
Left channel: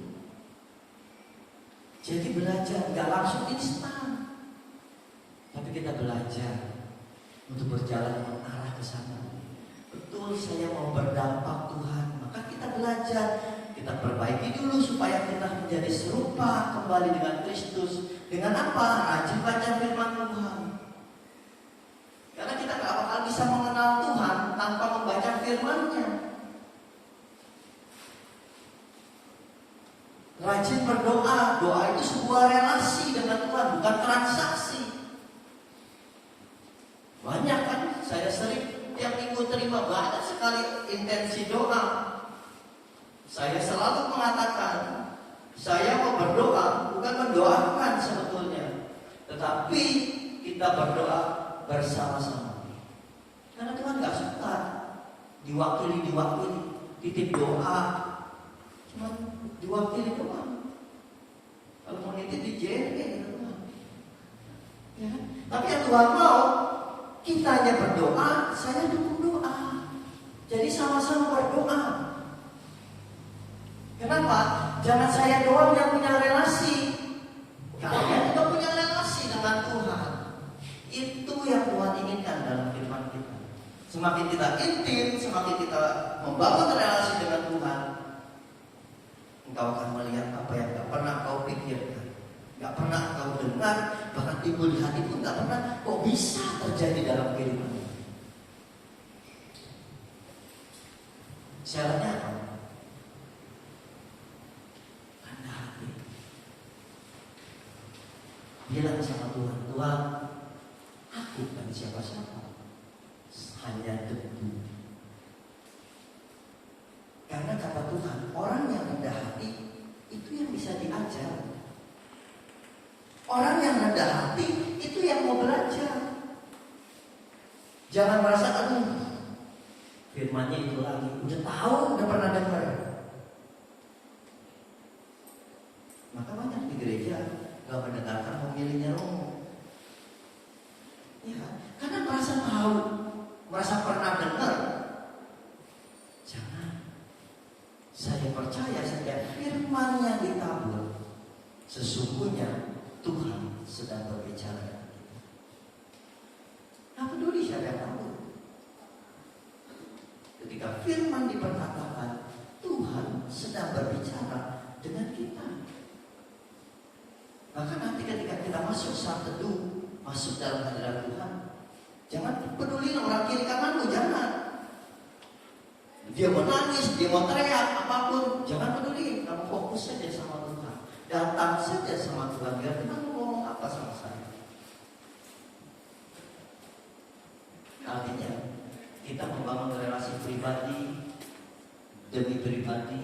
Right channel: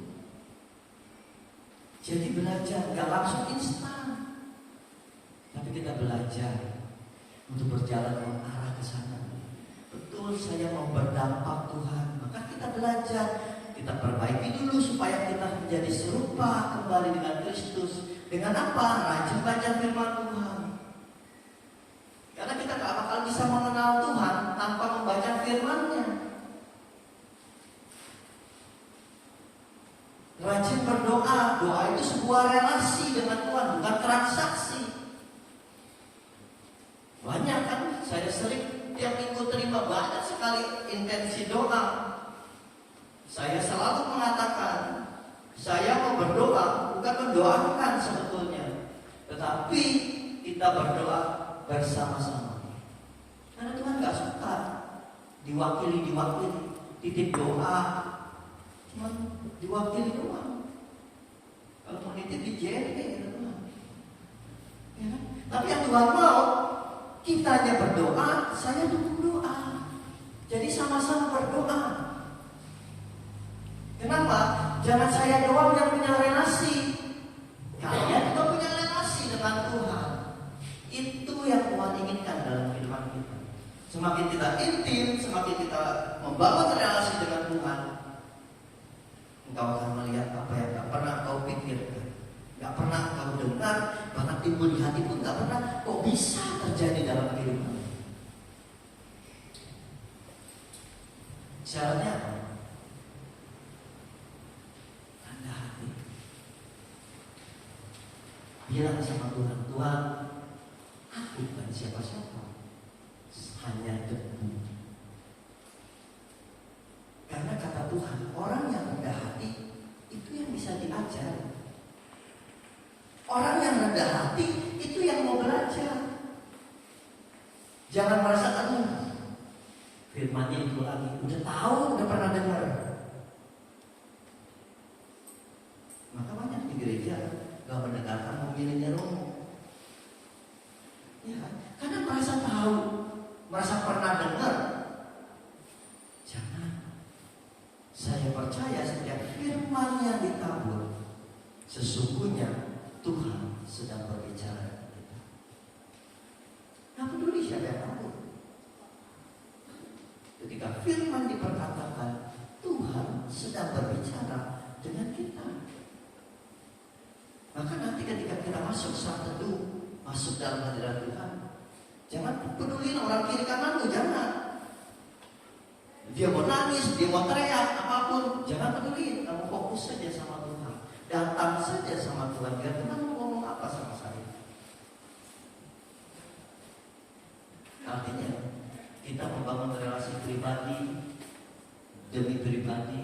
Jadi belajar gak langsung instan, tapi kita belajar untuk berjalan mengarah ke sana. Betul, saya mau berdampak Tuhan, maka kita belajar, kita perbaiki dulu supaya kita menjadi serupa kembali dengan Kristus. Dengan apa? Rajin baca firman Tuhan. Karena kita gak bakal bisa mengenal Tuhan tanpa membaca firman-Nya. Rajin berdoa. Doa itu sebuah relasi dengan Tuhan, bukan transaksi. Banyak kan, saya sering tiap minggu terima banyak sekali intensi doa. Saya selalu mengatakan, saya mau berdoa, bukan mendoakan sebetulnya, tetapi kita berdoa bersama-sama. Karena Tuhan gak suka diwakili, titip doa, cuma diwakili doang. Kalau mau nitip di JNE gitu. Ya. Tapi yang Tuhan mau, kita hanya berdoa, saya dukung doa. Jadi sama-sama berdoa. Kenapa? Jangan saya doang yang punya relasi. Kalian juga punya relasi dengan Tuhan. Itu yang Tuhan inginkan dalam kehidupan kita. Semakin kita intim, semakin kita membangun relasi dengan Tuhan, engkau akan melihat apa yang gak pernah kau pikirkan, gak pernah kau dengar, bahkan timbul di hati pun gak pernah kok bisa terjadi dalam kehidupan. Syaratnya apa? Rendah hati. Bilang sama Tuhan, Tuhan, aku bukan siapa-siapa, hanya debu. Karena kata Tuhan, orang yang rendah hati itu yang bisa diajar. Orang yang rendah hati itu yang mau belajar. Jangan merasa, aduh, firmannya itu lagi, udah tahu, udah pernah dengar. Maka banyak di gereja gak mendengarkan pemilihannya Romo. Ya kan? Karena merasa tahu, merasa pernah dengar. Jangan. Saya percaya setiap firman yang ditabur, sesungguhnya Tuhan sedang berbicara. Nah, peduli siapa yang tabur. Ketika firman diperkatakan, Tuhan sedang berbicara dengan kita. Maka nanti ketika kita masuk saat teduh, masuk dalam hadirat Tuhan, jangan peduli orang kiri kananmu, jangan. Dia mau nangis, dia mau teriak, apapun, jangan peduli. Kamu fokus saja sama Tuhan, datang saja sama Tuhan. Biar Tuhan mau ngomong apa sama saya. Artinya kita membangun relasi pribadi demi pribadi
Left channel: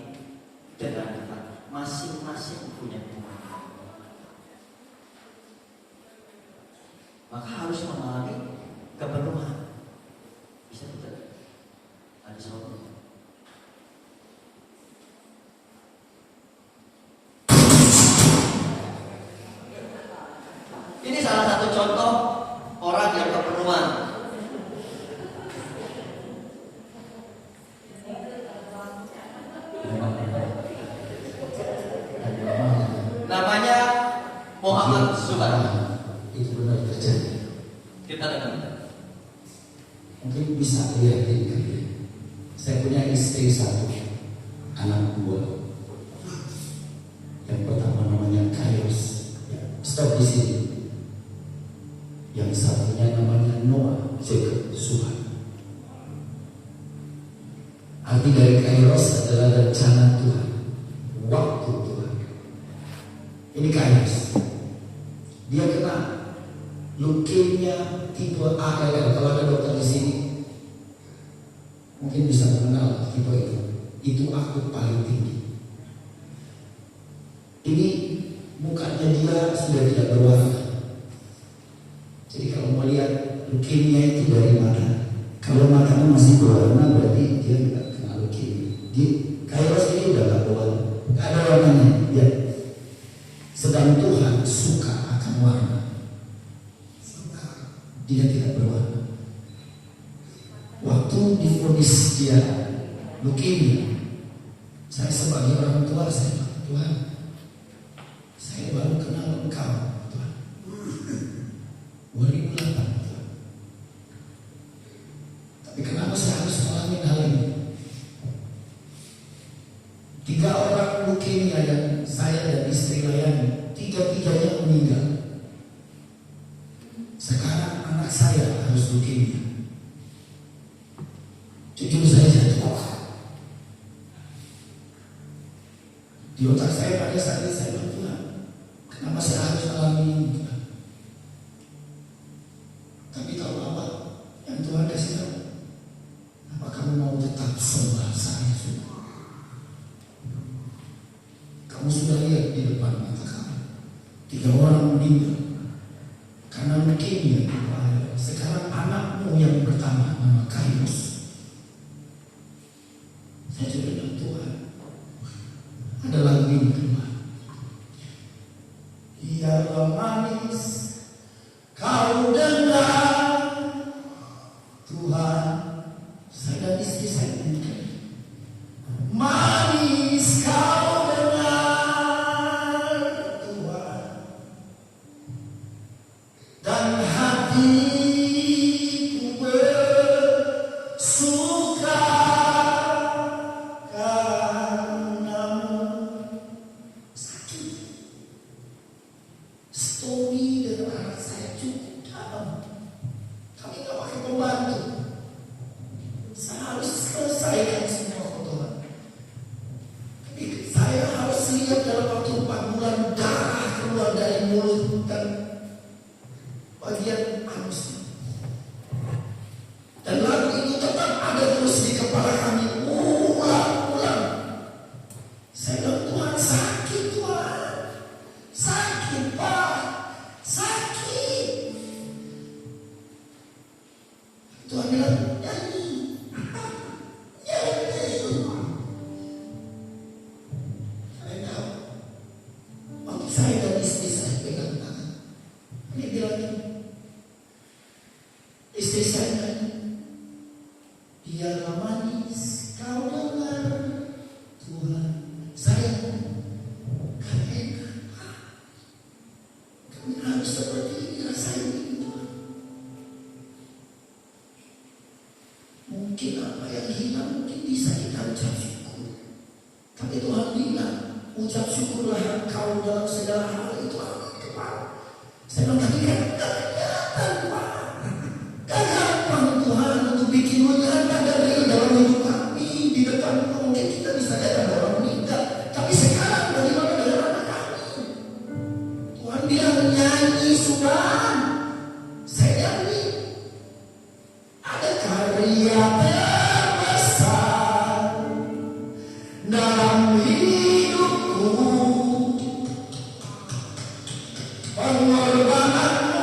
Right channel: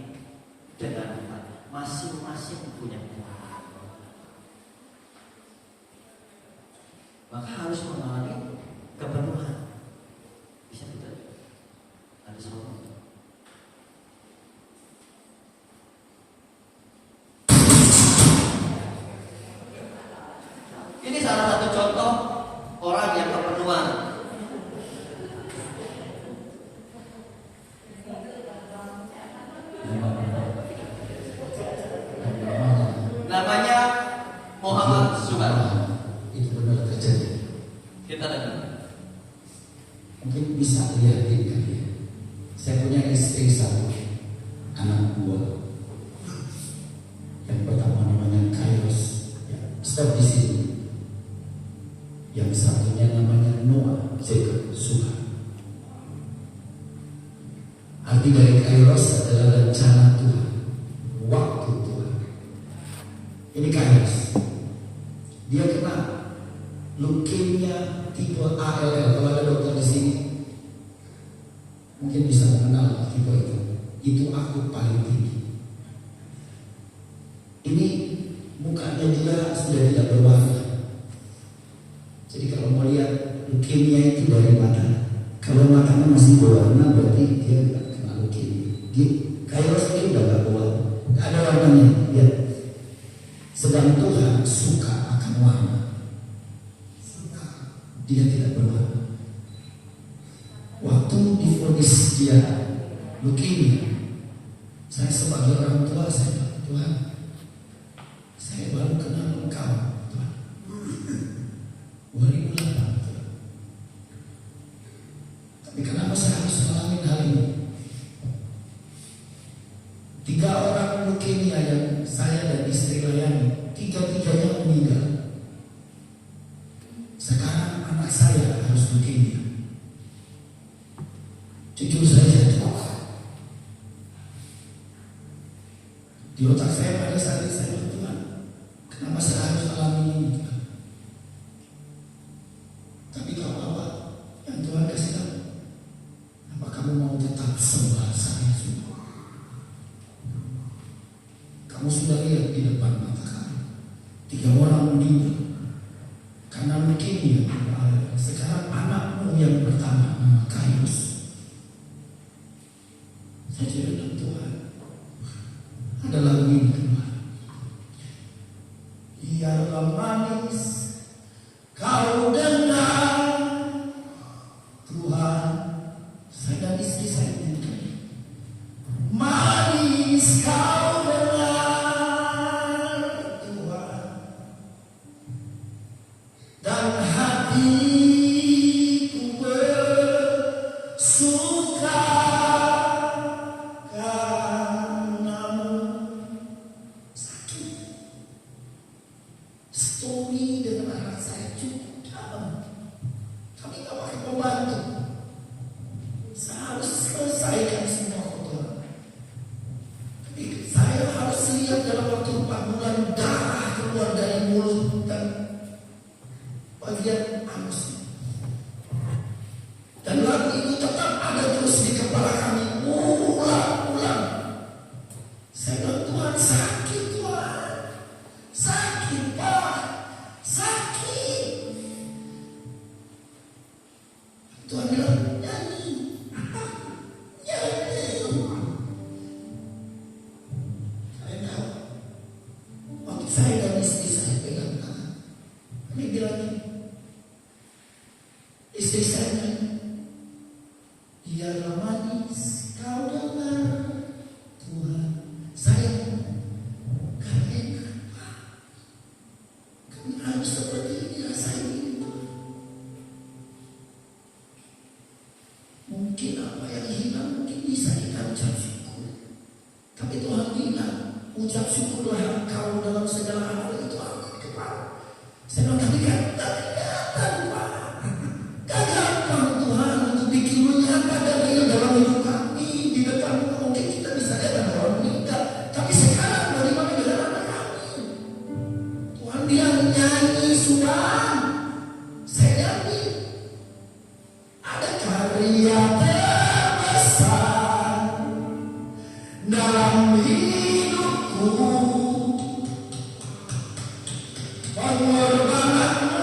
dengan Tuhan. Masing-masing punya Tuhan. Maka harus mengalami kepenuhan. Bisa betul? Ada sesuatu. Ini salah satu contoh orang yang kepenuhan. Namanya Muhammad Subhan. Itu benar terjadi. Kita dengar. Mungkin bisa lihat ini. Saya punya istri satu, anak dua. Yang pertama namanya Kairos. Ya, stop di sini. Yang satunya namanya Noah, Jacob, Suhan. Arti dari Kairos adalah rencana Tuhan, waktu Tuhan. Ini Kairos. Dia kena leukemia tipe ALL. Kalau ada dokter di sini, mungkin bisa mengenal tipe itu. Itu aku paling tinggi. Ini mukanya dia sudah tidak berwarna. Jadi kalau mau lihat leukemia itu dari mana, kalau matanya masih berwarna berarti dia tidak kena leukemia. Di Kairos ini udah gak berwarna, gak ada warnanya. Ya. Sedang Tuhan suka akan warna. Dia tidak berwarna. Waktu divonis dia leukemia, saya sebagai orang tua, saya bilang, Tuhan, saya baru kenal Engkau, Tuhan. 2008, Tuhan. Tapi kenapa saya harus mengalami hal ini? 3 orang leukemia yang saya dan istri layani, 3-tiganya meninggal. Sekarang anak saya harus leukemia. Jujur saja, di otak saya pada saat ini saya bilang, Tuhan, kenapa saya harus alami ini, Tuhan? Tapi kalau apa yang Tuhan kasih tahu, apa kamu mau tetap sembah saya semua? Kamu sudah lihat di depan mata kamu 3 orang meninggal karena leukemia. Sekarang anakmu yang pertama nama Kairos. Saya sudah bilang, Tuhan, ada lagu ini keluar. Ya manis kau dengar Tuhan, saya dan istri saya menyanyikan. Manis kau dengar Tuhan, dan hatiku bersuka karenamu. Tapi Tuhan bilang, ucap syukurlah engkau dalam segala hal. Itu aku Tuhan. Saya bilang, tapi kan tidak kelihatan Tuhan. Gak gampang Tuhan untuk bikin lu nyata dari dalam hidup kami. Di depan mungkin kita bisa lihat ada orang meninggal. Tapi sekarang bagaimana dengan anak kami? Tuhan bilang, nyanyi Tuhan. Saya nyanyi. Ada karya terbesar dalam hidupku, pengorbananmu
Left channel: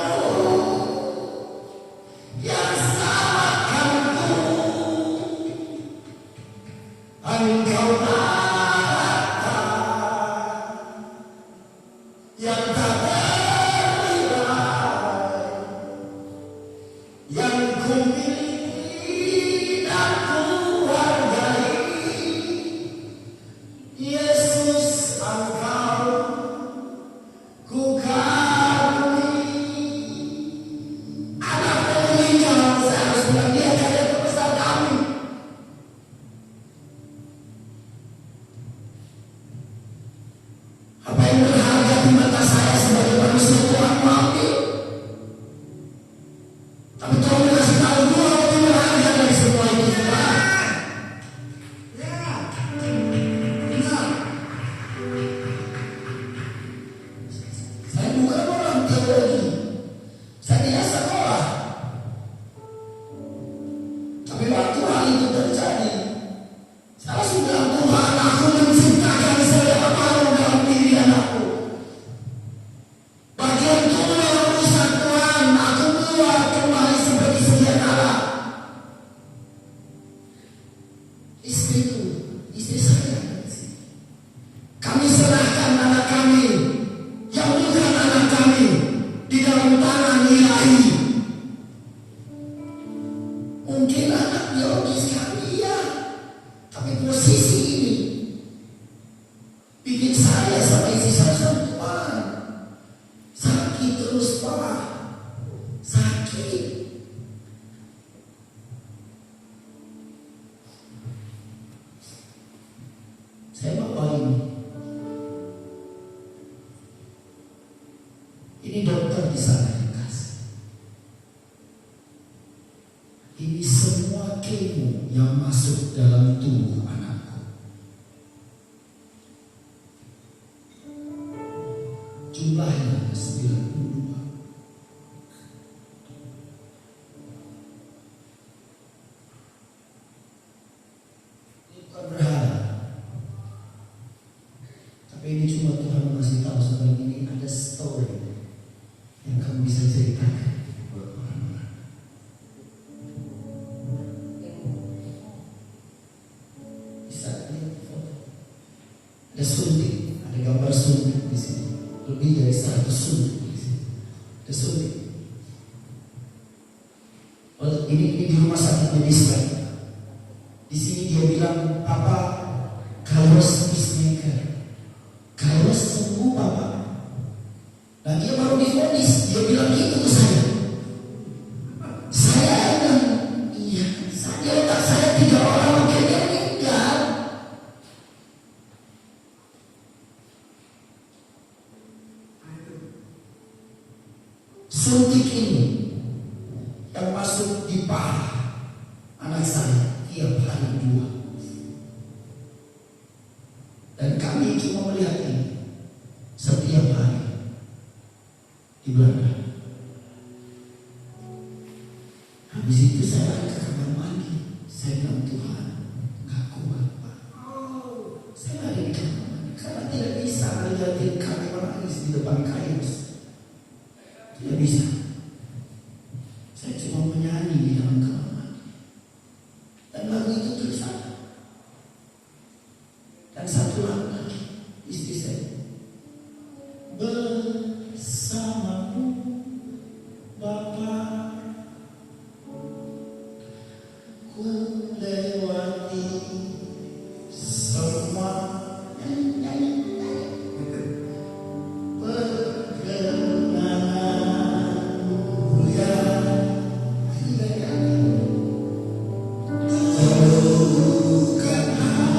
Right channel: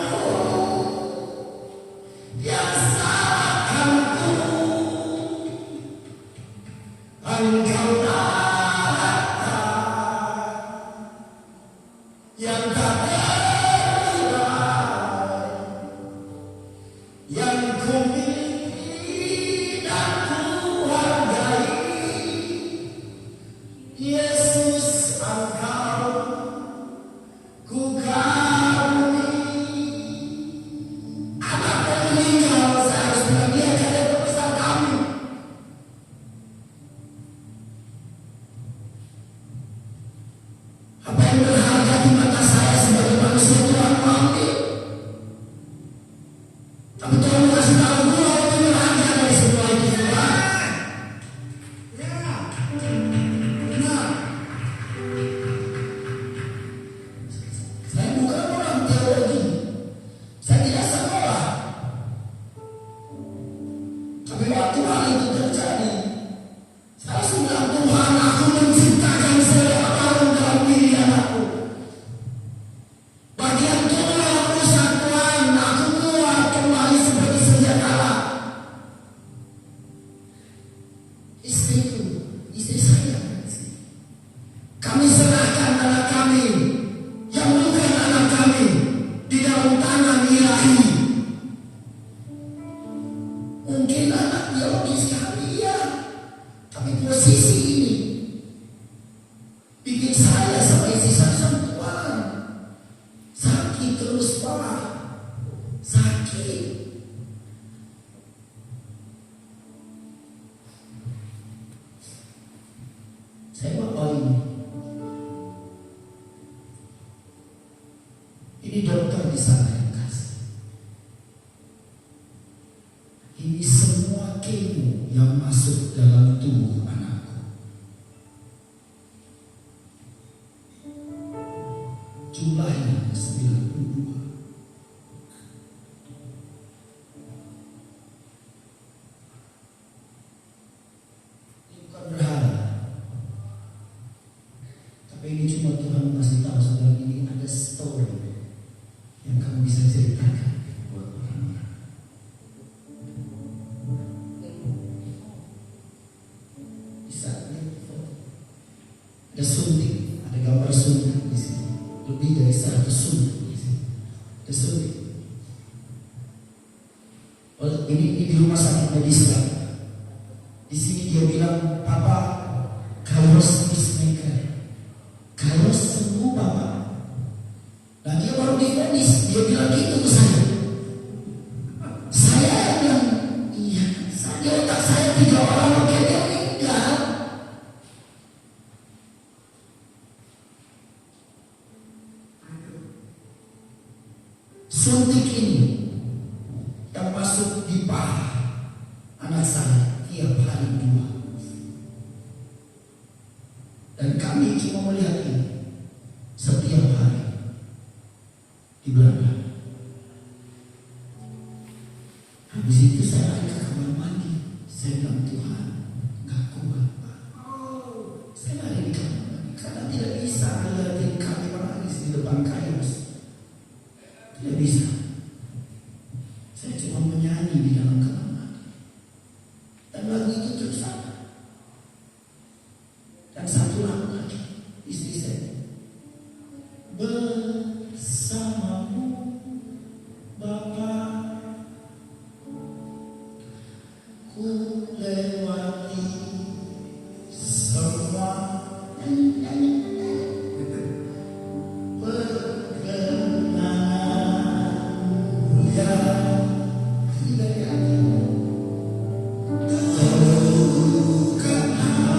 yang salahkanku, engkau datang yang tak terkira, yang ku miliki dan ku hargai. Yesus, engkau ku kagumi. Anak meninggal, saya harus bilang dia karya terbesar kami. Apa yang berharga di mata saya sebagai manusia Tuhan mengambil. Tapi Tuhan kasih tahu gua itu berharga dari semua itu. Benar. Saya bukan orang teologi. Saya tidak sekolah. Tapi waktu hal itu terjadi, saya langsung bilang, Tuhan, aku menciptakan selera baru dalam diri anakku. Bagian tua rusak Tuhan, aku keluar kembali seperti sedia kala. Istriku, istri saya, kami serahkan anak kami yang bukan anak kami di dalam tangan ilahi. Mungkin anak biologis kami ya, tapi posisi ini bikin saya sama istri saya Tuhan sakit terus Pak, sakit. Saya bawa ini dokter di sana yang kasih. Ini semua kemo yang masuk dalam tubuh anakku. Jumlahnya 92. Ini bukan berharap. Tapi ini cuma Tuhan mengasih tahu saudara, ini ada story yang kamu bisa ceritakan buat orang-orang. Bisa lihat foto. Ada suntik, ada gambar suntik di sini. Lebih dari 100 suntik di sini. Ada suntik. Oh, ini di rumah sakit medis lab. Di sini dia bilang, Papa, kalau peacemaker, kalau sembuh Papa. Dan dia baru divonis, dia bilang gitu ke saya. Saya bilang, iya, di otak saya 3 orang mungkin dia meninggal. Suntik ini yang masuk di paha anak saya tiap hari 2. Dan kami cuma melihat ini setiap hari di Belanda. Habis itu saya lari ke kamar mandi. Saya bilang, Tuhan, gak kuat Pak. Saya lari di kamar mandi karena tidak bisa lihatin kami menangis di depan kaos. Tidak bisa. Saya cuma menyanyi di dalam kamar mandi. Dan lagu itu tersana. Dan satu lagu lagi, istri saya, bersamamu Bapa, ku lewati semua perkenanan yang tidak ada. Kau bukan hanya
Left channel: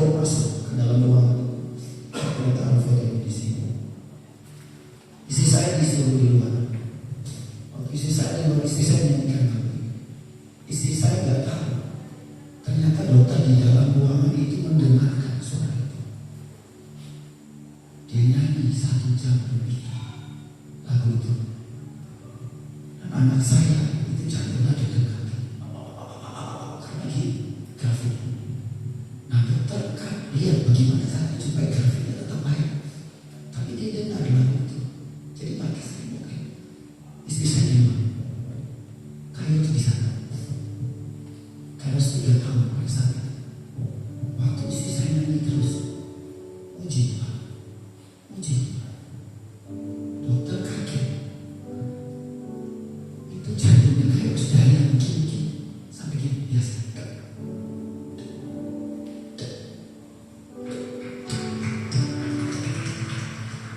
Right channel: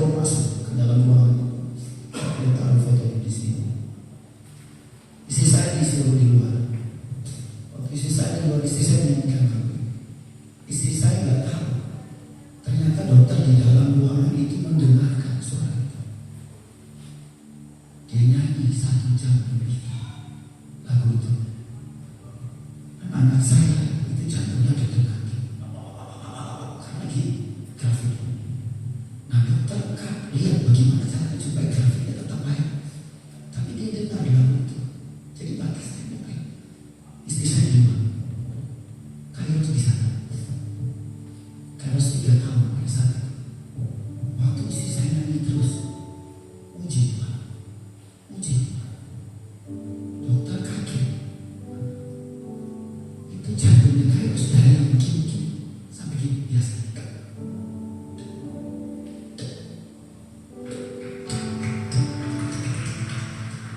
bawa masuk ke dalam ruangan. Saya taruh foto di sini. Istri saya disuruh di luar. Waktu istri saya di luar, istri saya menyanyikan lagu. Istri saya nggak tahu. Ternyata dokter di dalam ruangan itu mendengarkan suara itu. Dia nyanyi 1 jam lebih lagu itu. Dan anak saya itu jantungnya deg-degan. Karena grafik. Nah dokter kan lihat bagaimana caranya supaya grafiknya tetap baik. Tapi dia dengar lagu itu. Jadi pakai temboknya. Istri saya di rumah. Kayu itu di sana. Karena 3 tahun pada saat itu. Waktu istri saya nyanyi terus. Uji Tuhan. Uji Tuhan. Dokter kaget. Itu jantungnya kayak sudah yang begini-begini. Sampai gini biasa.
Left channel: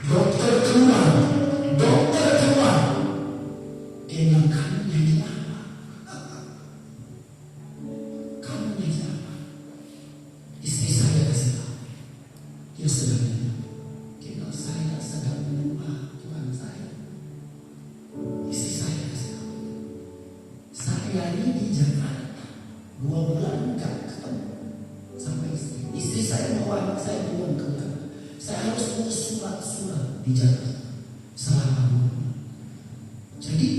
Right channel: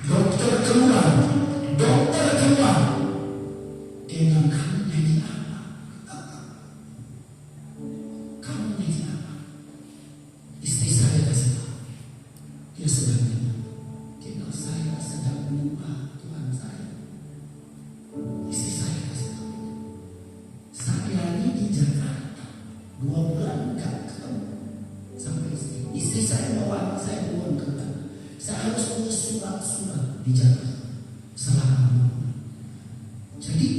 Dokter keluar. Dia bilang, kamu nyanyi apa? Kamu nyanyi apa? Istri saya kasih tahu. Dia sedang nyanyi. Dia bilang, saya sedang menyembah Tuhan saya. Istri saya kasih tahu. Saya ini di Jakarta 2 bulan enggak ketemu sama istri. Istri saya mau anak saya buang ke Belanda. Saya harus urus surat-surat di Jakarta selama 2 bulan. Jadi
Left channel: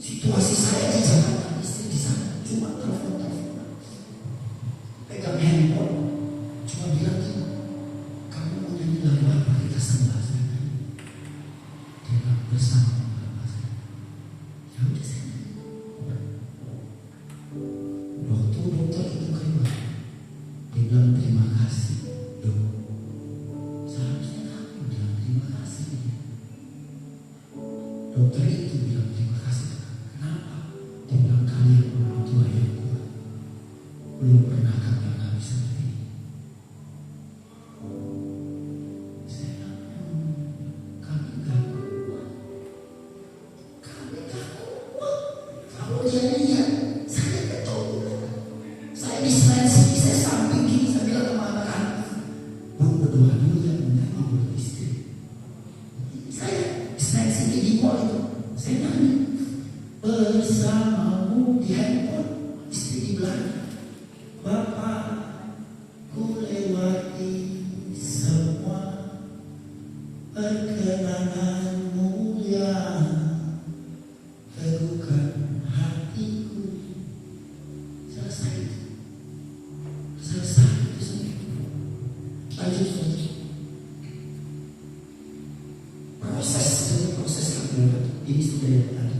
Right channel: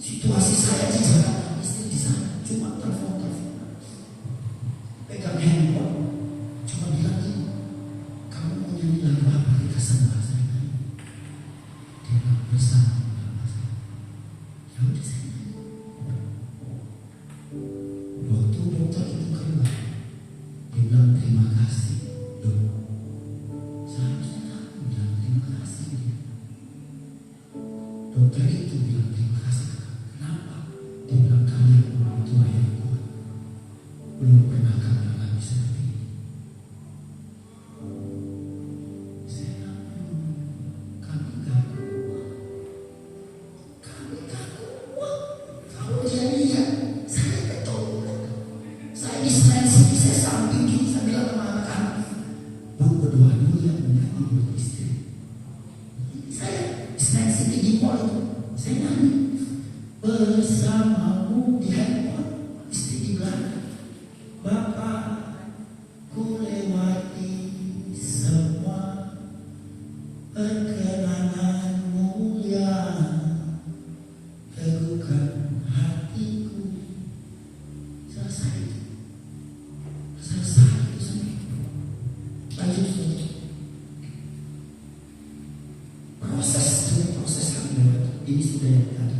situasi saya di Jakarta, istri di sana, cuma telepon, pegang handphone, cuma bilang gini, kamu mau nyanyi lagu apa kita sembah saya nyanyi. Dia bilang bersama bapak saya. Ya udah saya nyanyi. Waktu dokter itu keluar, dia bilang terima kasih dok. Seharusnya kamu bilang terima kasih dia. Dokter itu bilang terima kasih ke kamu. Kenapa? Dia bilang kalian orang tua yang kuat. Belum pernah kami alami seperti ini. Saya bilang, kami gak kuat. Kami gak kuat. Kamu jadinya, saya betul. Saya di sini, saya samping gini, saya bilang sama anak-anak, bang berdoa dulu ya, menyanyi buat istri. Saya di sini di mall itu, saya nyanyi bersamamu di handphone, istri di belakang. Bapak, ku lewati semua perkenangan mulia, teguhkan hatiku. Selesai itu sendiri. Lanjut saja. Proses kami lewat. Ini sudah yang tadi.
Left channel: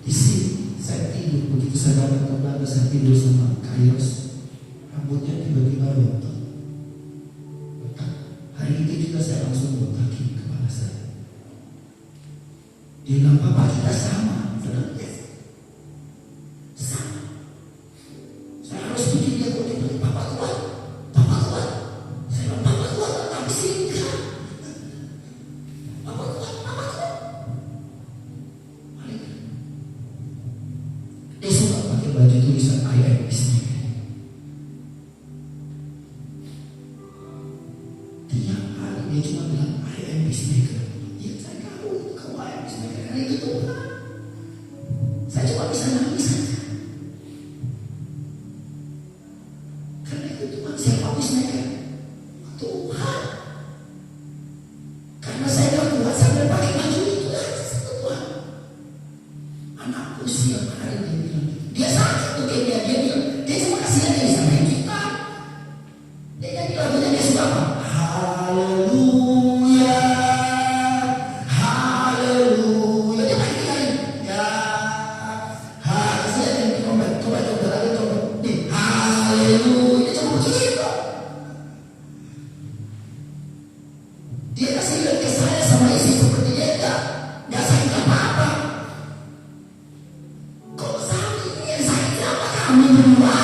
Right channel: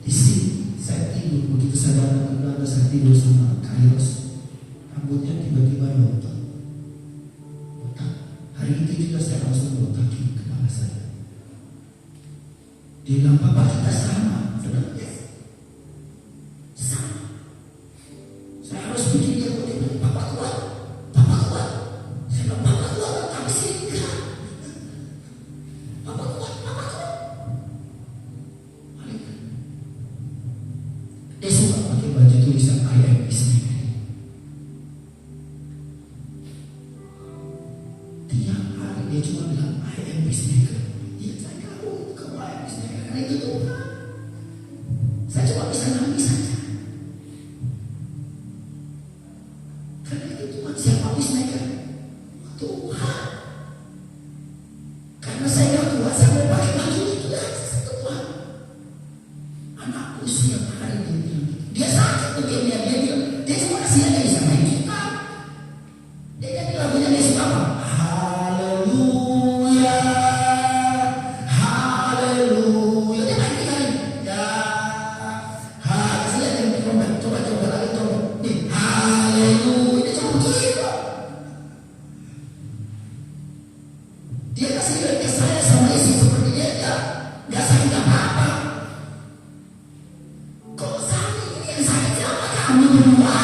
Di sini saya tidur, begitu saya datang ke Belanda, saya tidur sama Kairos. Rambutnya tiba-tiba rontok. Hari itu juga saya langsung botakin kepala saya. Dia bilang, Papa kita sama. Saya bilang, yes. Sama. Saya harus bikin dia kuat. Dia bilang, Papa kuat. Saya bilang, Papa kuat, tapi sih enggak. Papa kuat. Balik. Dia suka pakai baju tulisan I am istrinya. Tiap hari dia cuma bilang I am peacemaker. Ya saya tahu kamu I am peacemaker karena itu Tuhan. Saya cuma bisa nangis saja. Karena itu Tuhan. Siapa peacemaker? Tuhan. Karena saya gak kuat sampai pakai baju itu aja Tuhan. Anakku siap hari dia bilang gitu. Dia sakit tuh dia bilang. Dia cuma kasihan dia bisa main gitar. Dia nyanyi lagunya dia suka apa? Haleluya, haleluya. Dia main gitar ini. Ya, kasihan dia trompet. Coba lagi trompet. Nih, haleluya. Dia cuma begitu. Dia kasih lihat ke saya sama istri seperti dia enggak sakit apa-apa. Kalau sakit ini yang sakit apa? Kami berdua.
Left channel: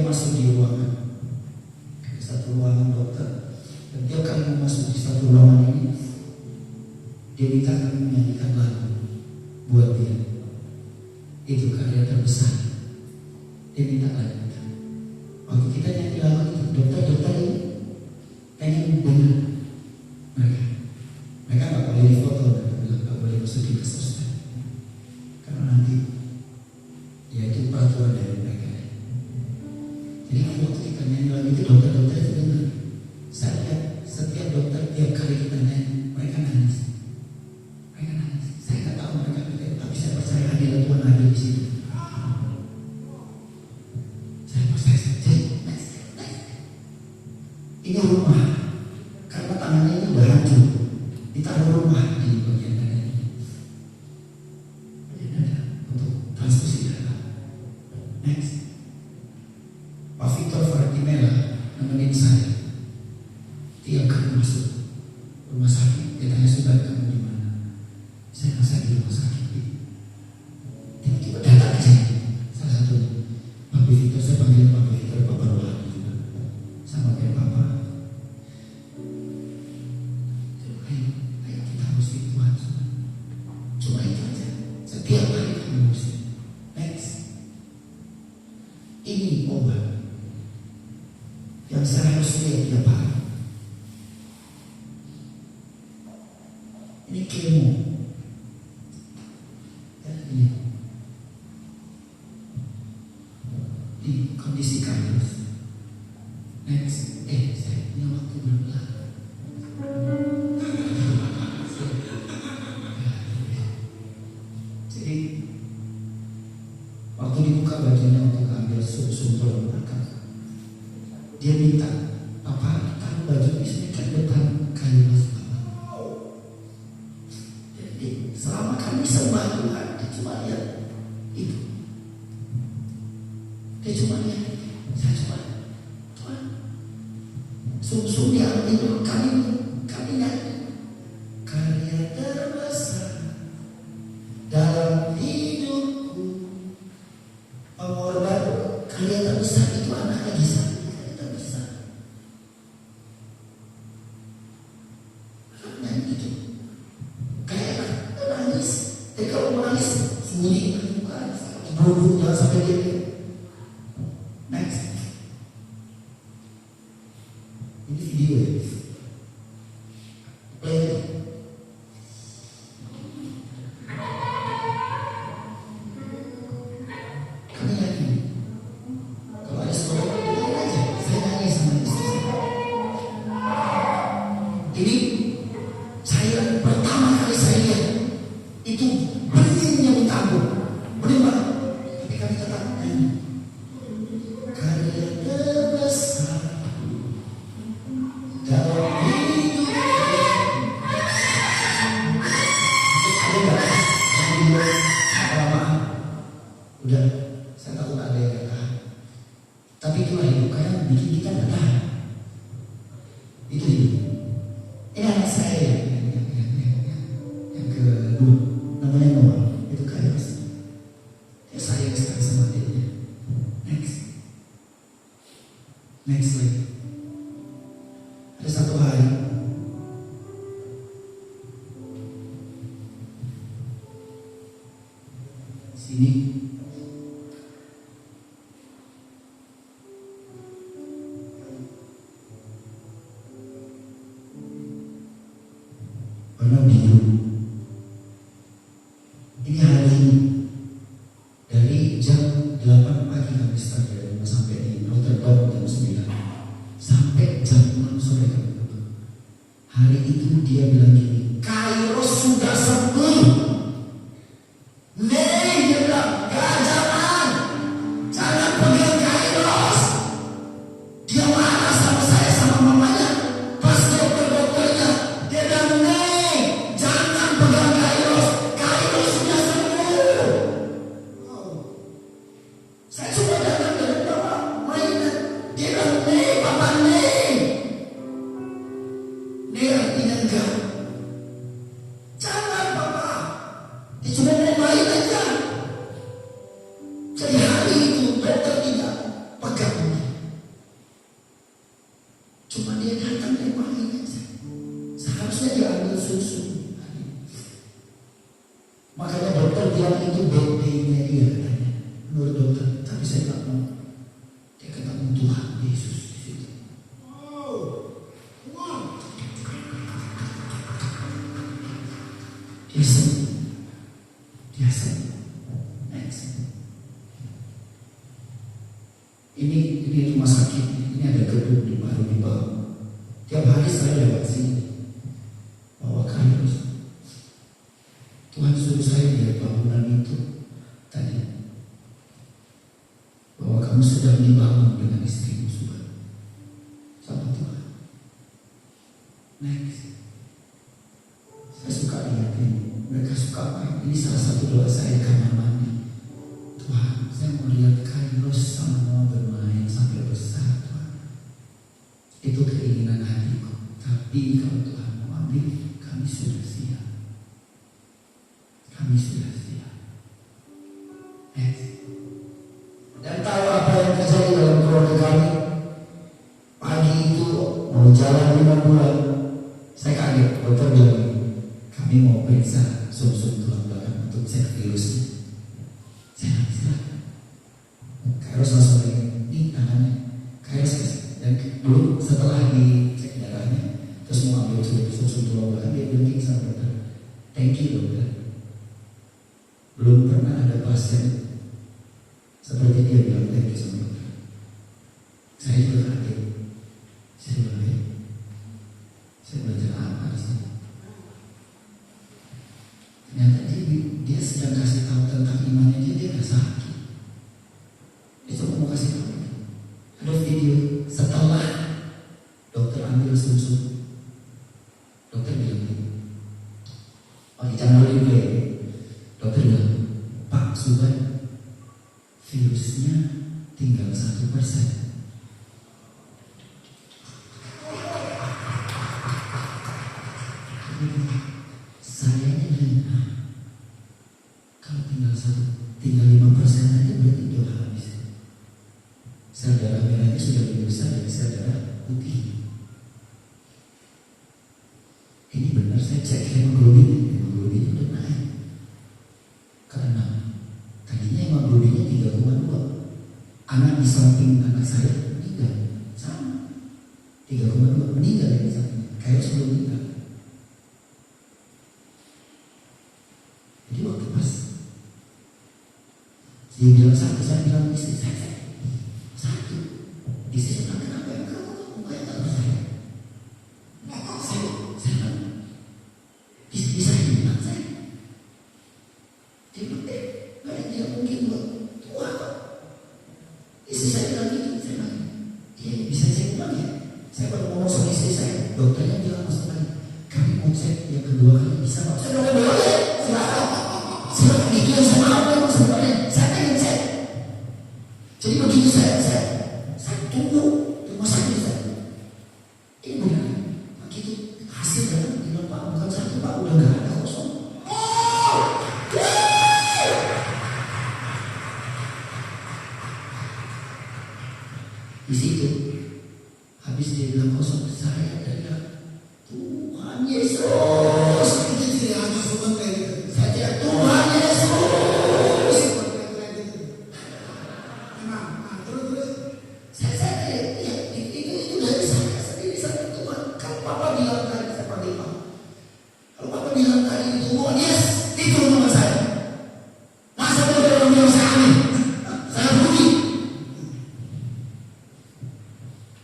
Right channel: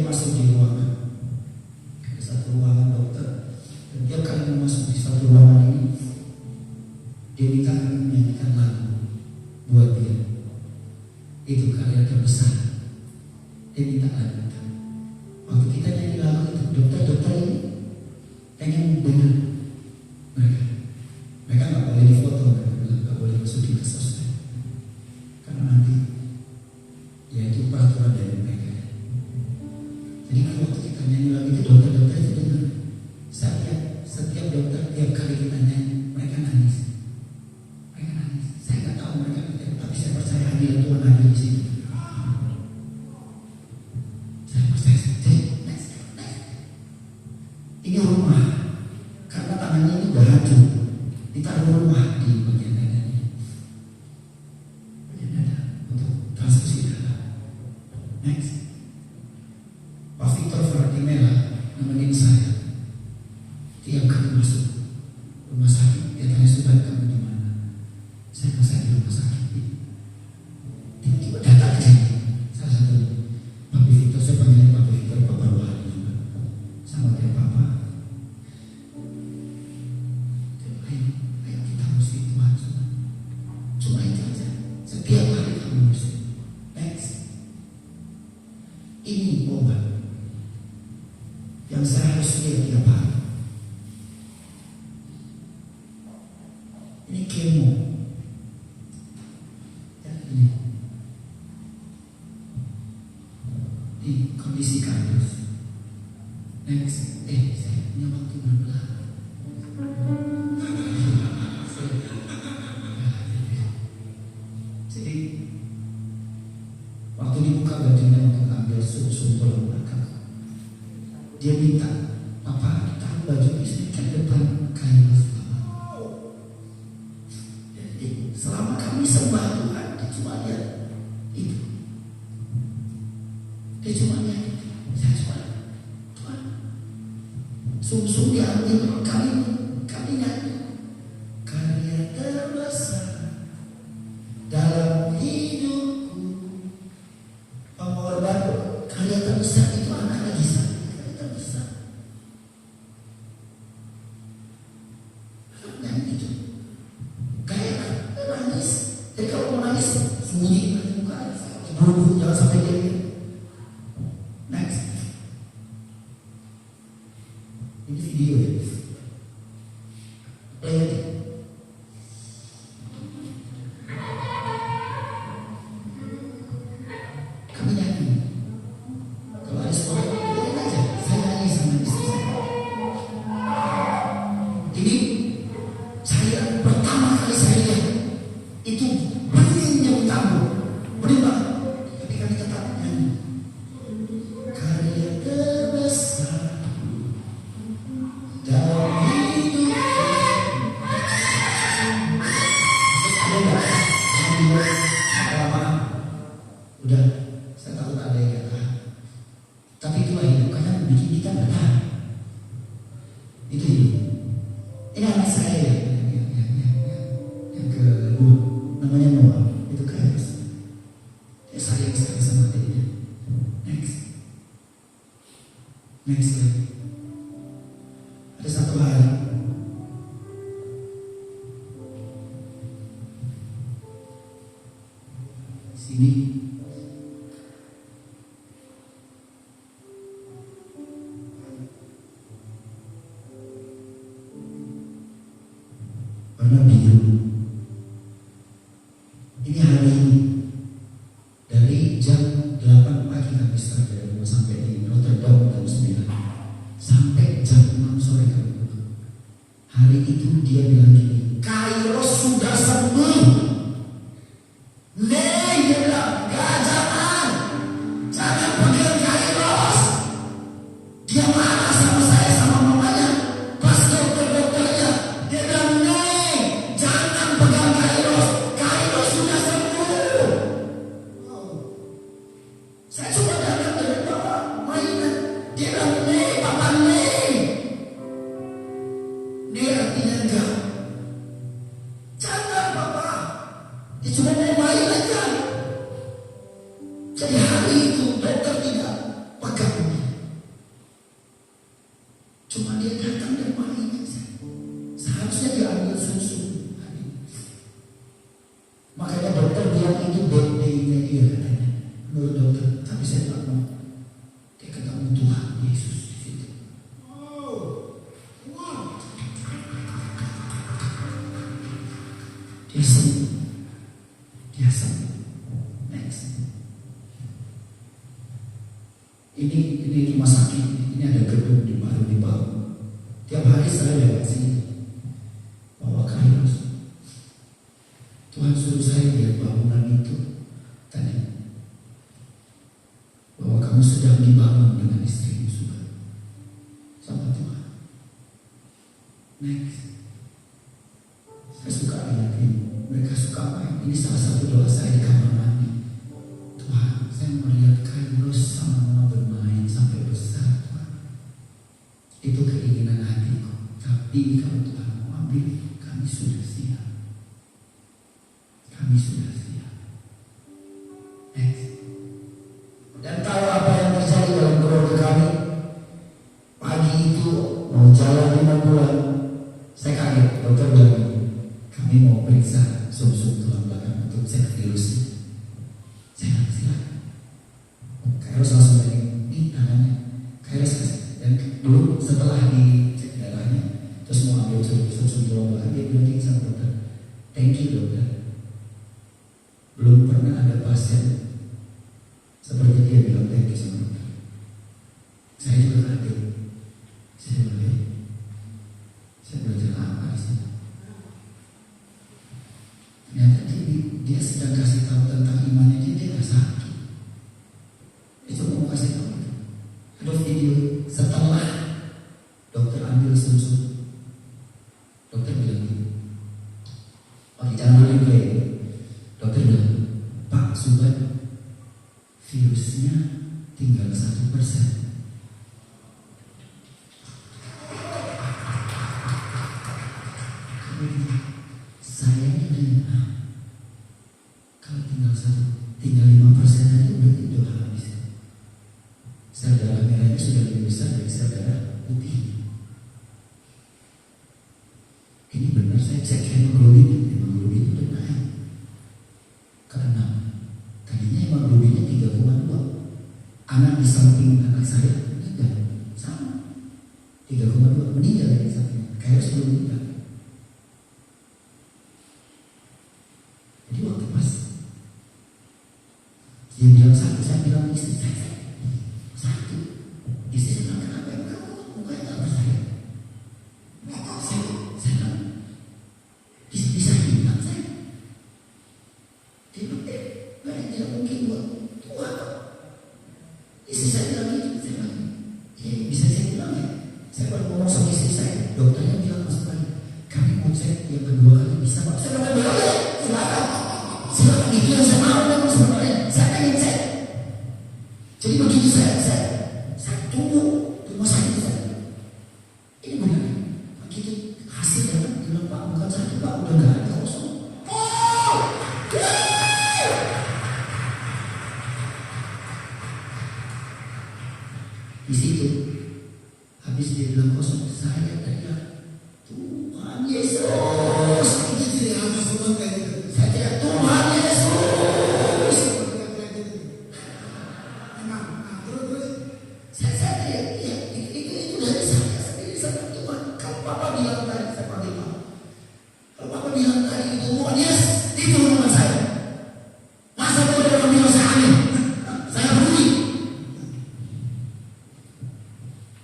dia masuk di ruangan, ada satu ruangan dokter, dan tiap kali mau masuk di satu ruangan ini, dia minta kami menyanyikan lagu buat dia. Itu karya terbesar. Dia minta lagu. Waktu kita nyanyi lagu itu, dokter-dokter ini pengen dengar mereka. Mereka nggak boleh difoto, nggak boleh masukin ke sosmed, karena nanti ya itu peraturan dari mereka. Jadi waktu kita nyanyi lagu itu, dokter-dokter itu dengar. Setiap dokter tiap kali kita nyanyi, mereka nangis. Mereka nangis. Saya nggak tahu mereka pikir, tapi saya percaya hadirat Tuhan ada di sini. Saya percaya. Jadi ini rumah, karena tangannya itu udah hancur. Ditaruh rumah di bagian dada ini, bagian dada untuk transfusi darah. Next, Pak Victor Fartimela nemenin saya. Tiap kali masuk rumah sakit, dia tanya, sudah kamu di mana? Saya bilang, saya di rumah sakit. Tiba-tiba datang ke sini. Salah satu Pak Victor, saya panggil Pak Victor, Bapak Rohani juga. Sama kayak Bapak. Ayo kita harus itu aja. Cuma itu aja. Setiap hari kamu mesti. Next. Ini obat yang saya harus lihat tiap hari. Ini kemo. Ya, ini kondisi kardus. Next. Saya punya waktu berapa? Jadi waktu dibuka bajunya untuk ambil sumpel makan, dia minta, Papa taruh baju di sini kan depan kayu mas Papa. Jadi selama kami sembah Tuhan, dia cuma lihat itu. Dia cuma lihat itu. Saya cuma Tuhan, sum-sum diambil kami nyanyi. Karya terbesar dalam hidupku, pengorban. Karya terbesar itu anak lagi saya. Karya terbesar. Nyanyi itu. Kayak nangis. Jadi kalau mau nangis, sembunyi. Buru-buru jangan sampai dia. Next. Ini video ya. Kami nyanyi. Kalau ada sekolah, dengerin aja. Saya nyanyi sama istri saya. Ini saya pertama kali saya lihat itu beningnya utangku, bening banget. Tapi kami tetap nyanyi. Karya terbesar dalam hidup. Ada nggak yang dibuat lama? Udah, saya takut ada yang tahan. Tapi itulah hidup, karena bikin kita nggak tahan. Itu hidup. Ini anak saya yang kedua, namanya Noah. Itu kaya sih. Dia sayang sekali sama adiknya. Next lagi. Ada satu hari sini warna biru. Ini hari ini dari jam 8 pagi kami start dari rumah sampai di Rotterdam jam 9 sampai jam 6 sore kami pulang. Hari itu dia bilang gini, Kairos sudah sembuh. Nih, dia bilang, jangan pegang Kairos. Dia marah sama saya sama mamanya. Pas dokternya, dia bilang, nih, jangan pegang Kairos. Kairos sudah sembuh. Saya cuma datang dari bawah mainan. Dia bilang, nih, Papa nih. Nih artinya enggak. Jangan Papa. Dia cuma mau main aja. Jadi hari itu dokter tidak pegang. menurut dokter, tapi saya nggak mau. Dia ketemu Tuhan Yesus di situ. Dia sembuh. Dia sembuh. Next. Ini rumah sakit. Ini ada gedung baru dibangun. Tiap hari saya lewat sini. Bawa kairos. Tuhan suruh saya lihat bangunan itu tadi. Bahwa kamu sedang dibangun dengan istrimu sudah. Sama Tuhan. Next. Saya suka lihat ini. Mereka suka main. Ini salah satu doa saya di kamar mandi. Tuhan, saya mau lihat kairos sama Noah bermain sampai besar, Tuhan. Itu keinginan hatiku. Tapi kalau Tuhan mau ambil, kami sudah siap. Kami sudah siap. Next. Dan tahu apa yang terjadi dalam keluarga kami? Pagi itu mau jalan 5 bulan. Saya kaget, dokter bilang kami mau periksa sum-sum tulang belakang untuk cek virusnya. Saya bilang silakan. Kairos langsung lagi, ini tangannya. Kairos kasih. Dan dulu setelah dicek darahnya, terus mau ambil sum-sum tulang belakang, dia bilang gini sama dokter, thank you dokter. Belum pernah ada pasien seperti dia bilang thank you sama dokter. Saya juga kaget. Saya bilang, saya belajar apa di sini? Ternyata dia sedang kasih tahu tentang imannya dia nggak sakit. Itu mau kasih tahu. Ada video setelah dokter ambil sum-sum. Dokter bilang gini, oke jangan dulu ya. Dokter bilang, Pak Subhan, virusnya tinggal 1%. Saya ini kalau tinggal 5% itu berarti udah habis. Sel darah merahnya sudah lebih besar dari sel darah putih. Ini benar saya cek hemoglobin udah naik ke 6. Tadinya hemoglobinnya 3,2. Anak di samping anak saya meninggal sama 3,2 meninggal di samping. Kayak sebelum meninggal. Jadi waktu pas dia bilang sakit, saya bilang istri saya sakit. Istri saya bilang kenapa ya kamu nggak percaya? Saya bilang istri saya bilang saya. Dia bilang tidak mungkin buat Tuhan. Istri saya bilang gitu, saya bilang iya bisa saya bilang ya. Saya baru ngomong sama istri saya, dokternya bilang masuk lagi. Kami mau cek yang kedua kali bisa pak. Saya bilang boleh, silakan. Silakan itu yang saya mau memang sebenarnya. Saya pengen cek. Jadi begitu saya tunggu di rumah sakit saya. Ini benar. Begitu hasil datang bilang pak bukan sakit pak udah nggak ada kosong. Di situ habis dia bilang kosong saya teriak Tuhan Yesus. Itu dia anak semua kayak gitu. Saya teriak Tuhan Yesus. Memang, terus saya teriak ya, itu dari saya sendiri sama Tuhan. Kalau Papa bilang tadi saya panggil Papa. Kalau Papa bilang tadi itu Tuhan yes, itu rumah saya. Masa ada orang bilang saya aneh? Saya peduli.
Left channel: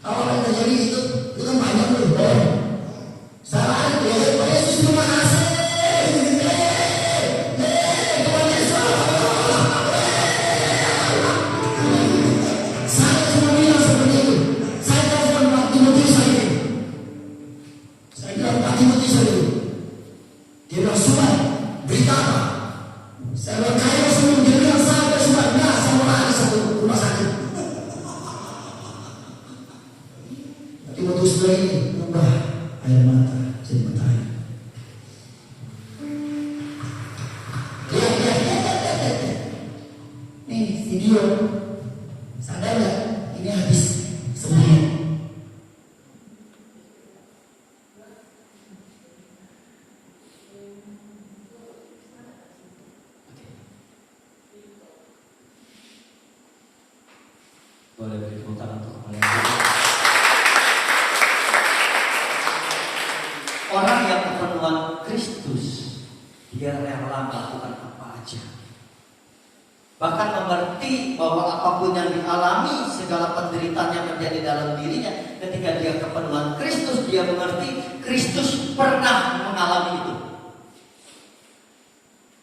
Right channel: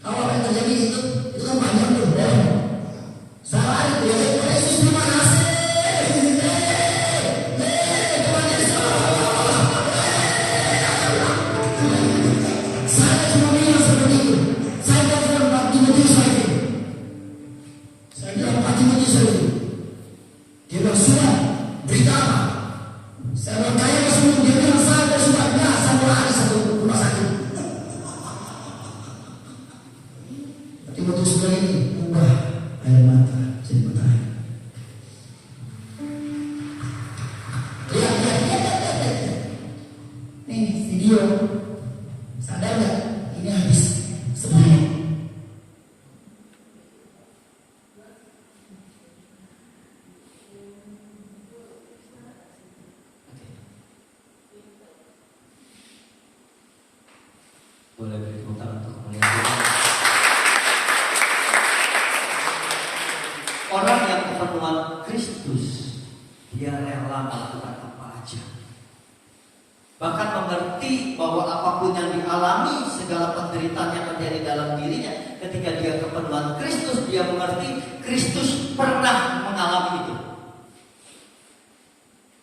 Kalau apa yang terjadi itu kan banyak tuh. Salah itu ya, Tuhan Yesus terima kasih. Tuhan Yesus. Saya cuma bilang seperti itu. Saya telepon Pak Timotius lagi. Saya bilang Pak Timotius lagi. Dia bilang sudah berita apa? Saya bilang kaya semua. Dia bilang saya sudah biasa lari satu rumah sakit. Timotius ini ubah air mata jadi mata air. Lihat. Nih video. Sadar nggak? Ini habis semuanya. Boleh beri tepuk tangan untuk kemuliaan Tuhan. Orang yang kepenuhan Kristus, dia rela melakukan apa aja. Bahkan mengerti bahwa apapun yang dialami, segala penderitaan yang terjadi dalam dirinya, ketika dia kepenuhan Kristus, dia mengerti Kristus pernah mengalami itu.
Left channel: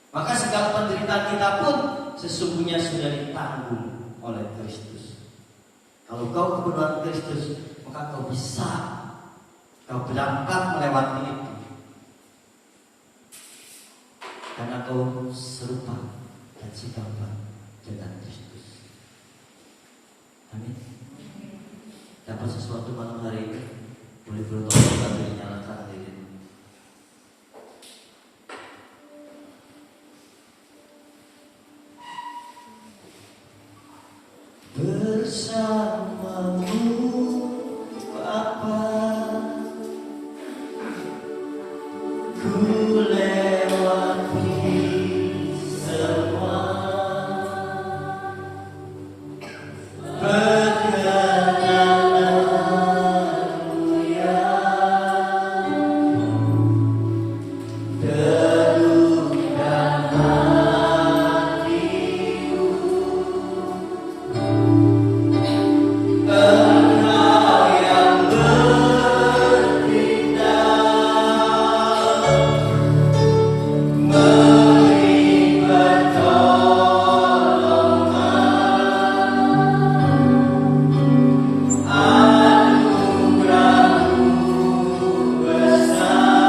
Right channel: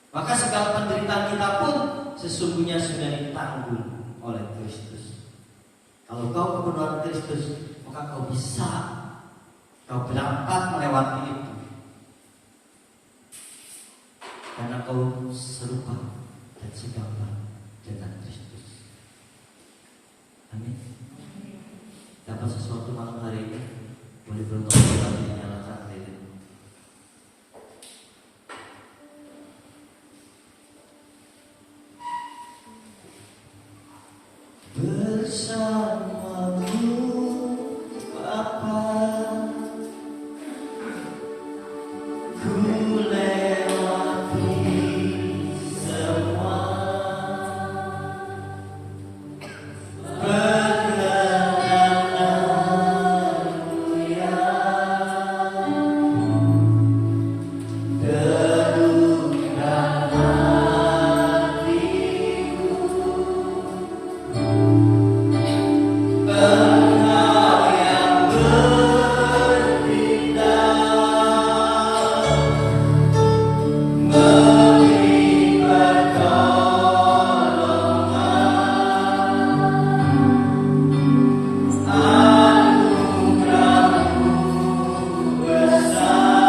Maka segala penderitaan kita pun sesungguhnya sudah ditanggung oleh Kristus. Kalau kau kepenuhan Kristus, maka kau bisa, kau berangkat melewati itu. Karena kau serupa dan segambar dengan Kristus. Amin. Dapat sesuatu malam hari ini, boleh berdoa dinyalakan diri. Bersamamu Bapa, ku lewati semua perkenananmu yang terukkan hatiku. Engkau yang bertindak memberi pertolongan, anugerah-Mu besar melimpah bagiku bersama bersama-Mu Bapa,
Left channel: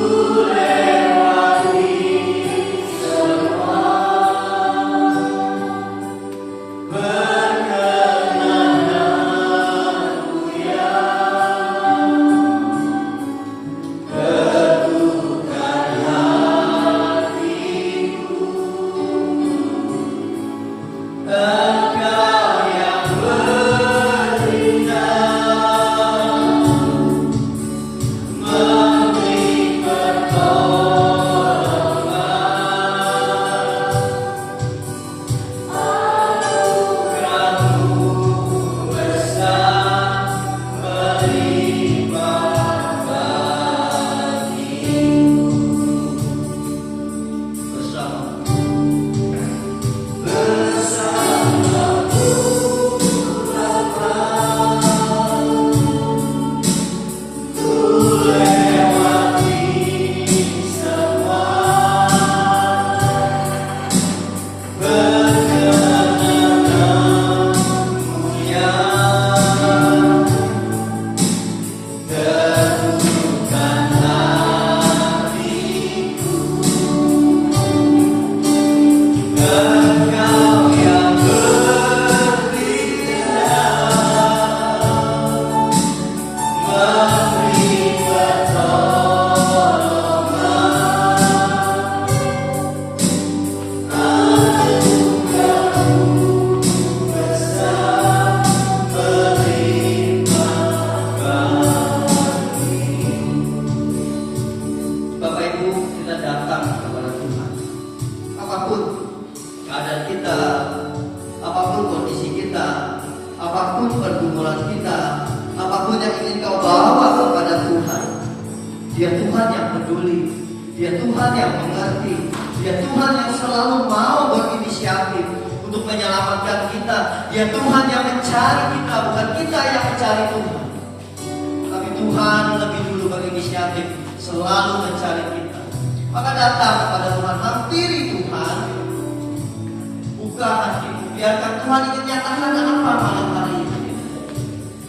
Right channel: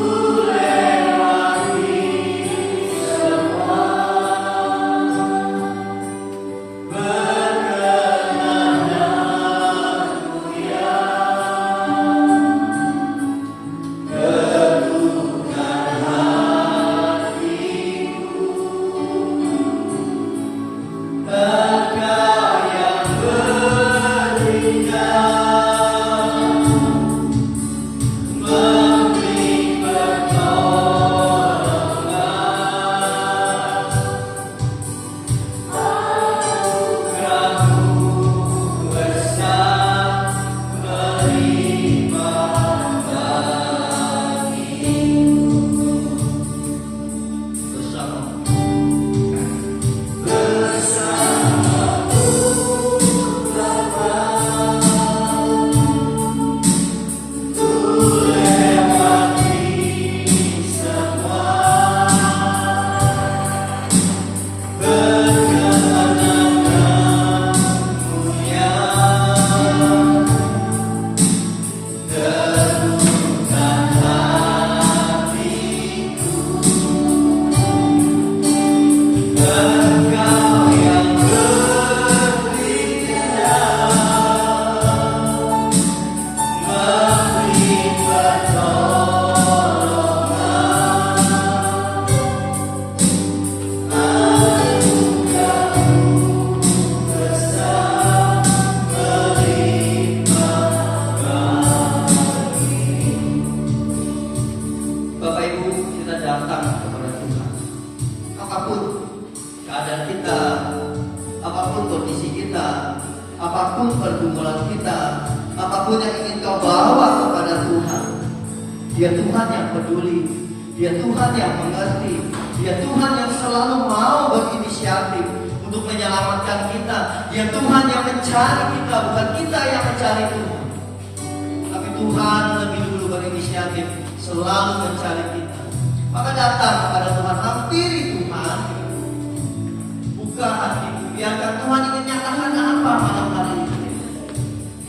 ku lewati semua perkenananmu yang teguhkan hatiku. Engkau yang bertindak memberi pertolongan, anugerah-Mu besar melimpah bagiku bersama-Mu Bapa, ku lewati semua perkenananmu yang terukkan hatiku. Engkau yang bertindak memberi pertolongan, anugerah-Mu besar melimpah bagiku. Bapak Ibu, kita datang kepada Tuhan. Apapun keadaan kita, apapun kondisi kita, apapun pergumulan kita, apapun yang ingin kau bawa kepada Tuhan, Dia Tuhan yang peduli, Dia Tuhan yang mengerti, Dia Tuhan yang selalu mau berinisiatif untuk menyelamatkan kita. Dia Tuhan yang mencari kita, bukan kita yang mencari Tuhan. Tapi Tuhan lebih dulu berinisiatif, selalu mencari kita. Maka datang kepada Tuhan, hampiri Tuhan, buka hati, biarkan Tuhan ingin nyatakan apa malam hari ini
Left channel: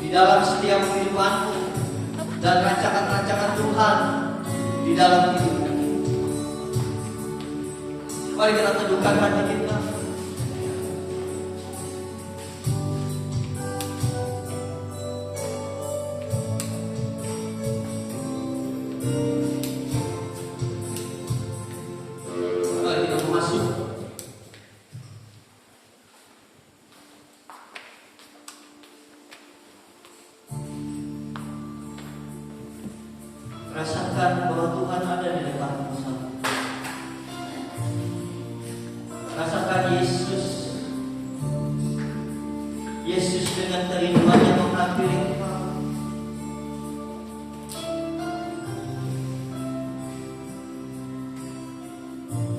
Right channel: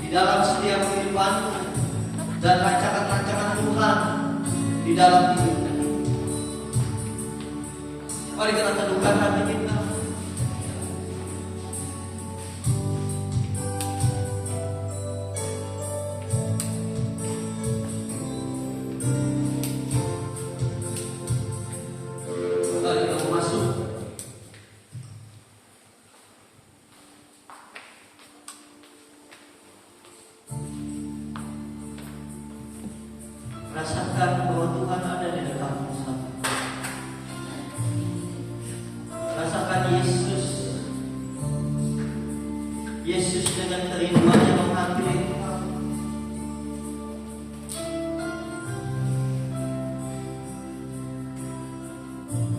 di dalam setiap kehidupanku dan rancangan-rancangan Tuhan di dalam hidupku. Mari kita teduhkan hati kita. Mari kita masuk Yesus dengan kerinduannya menghampiri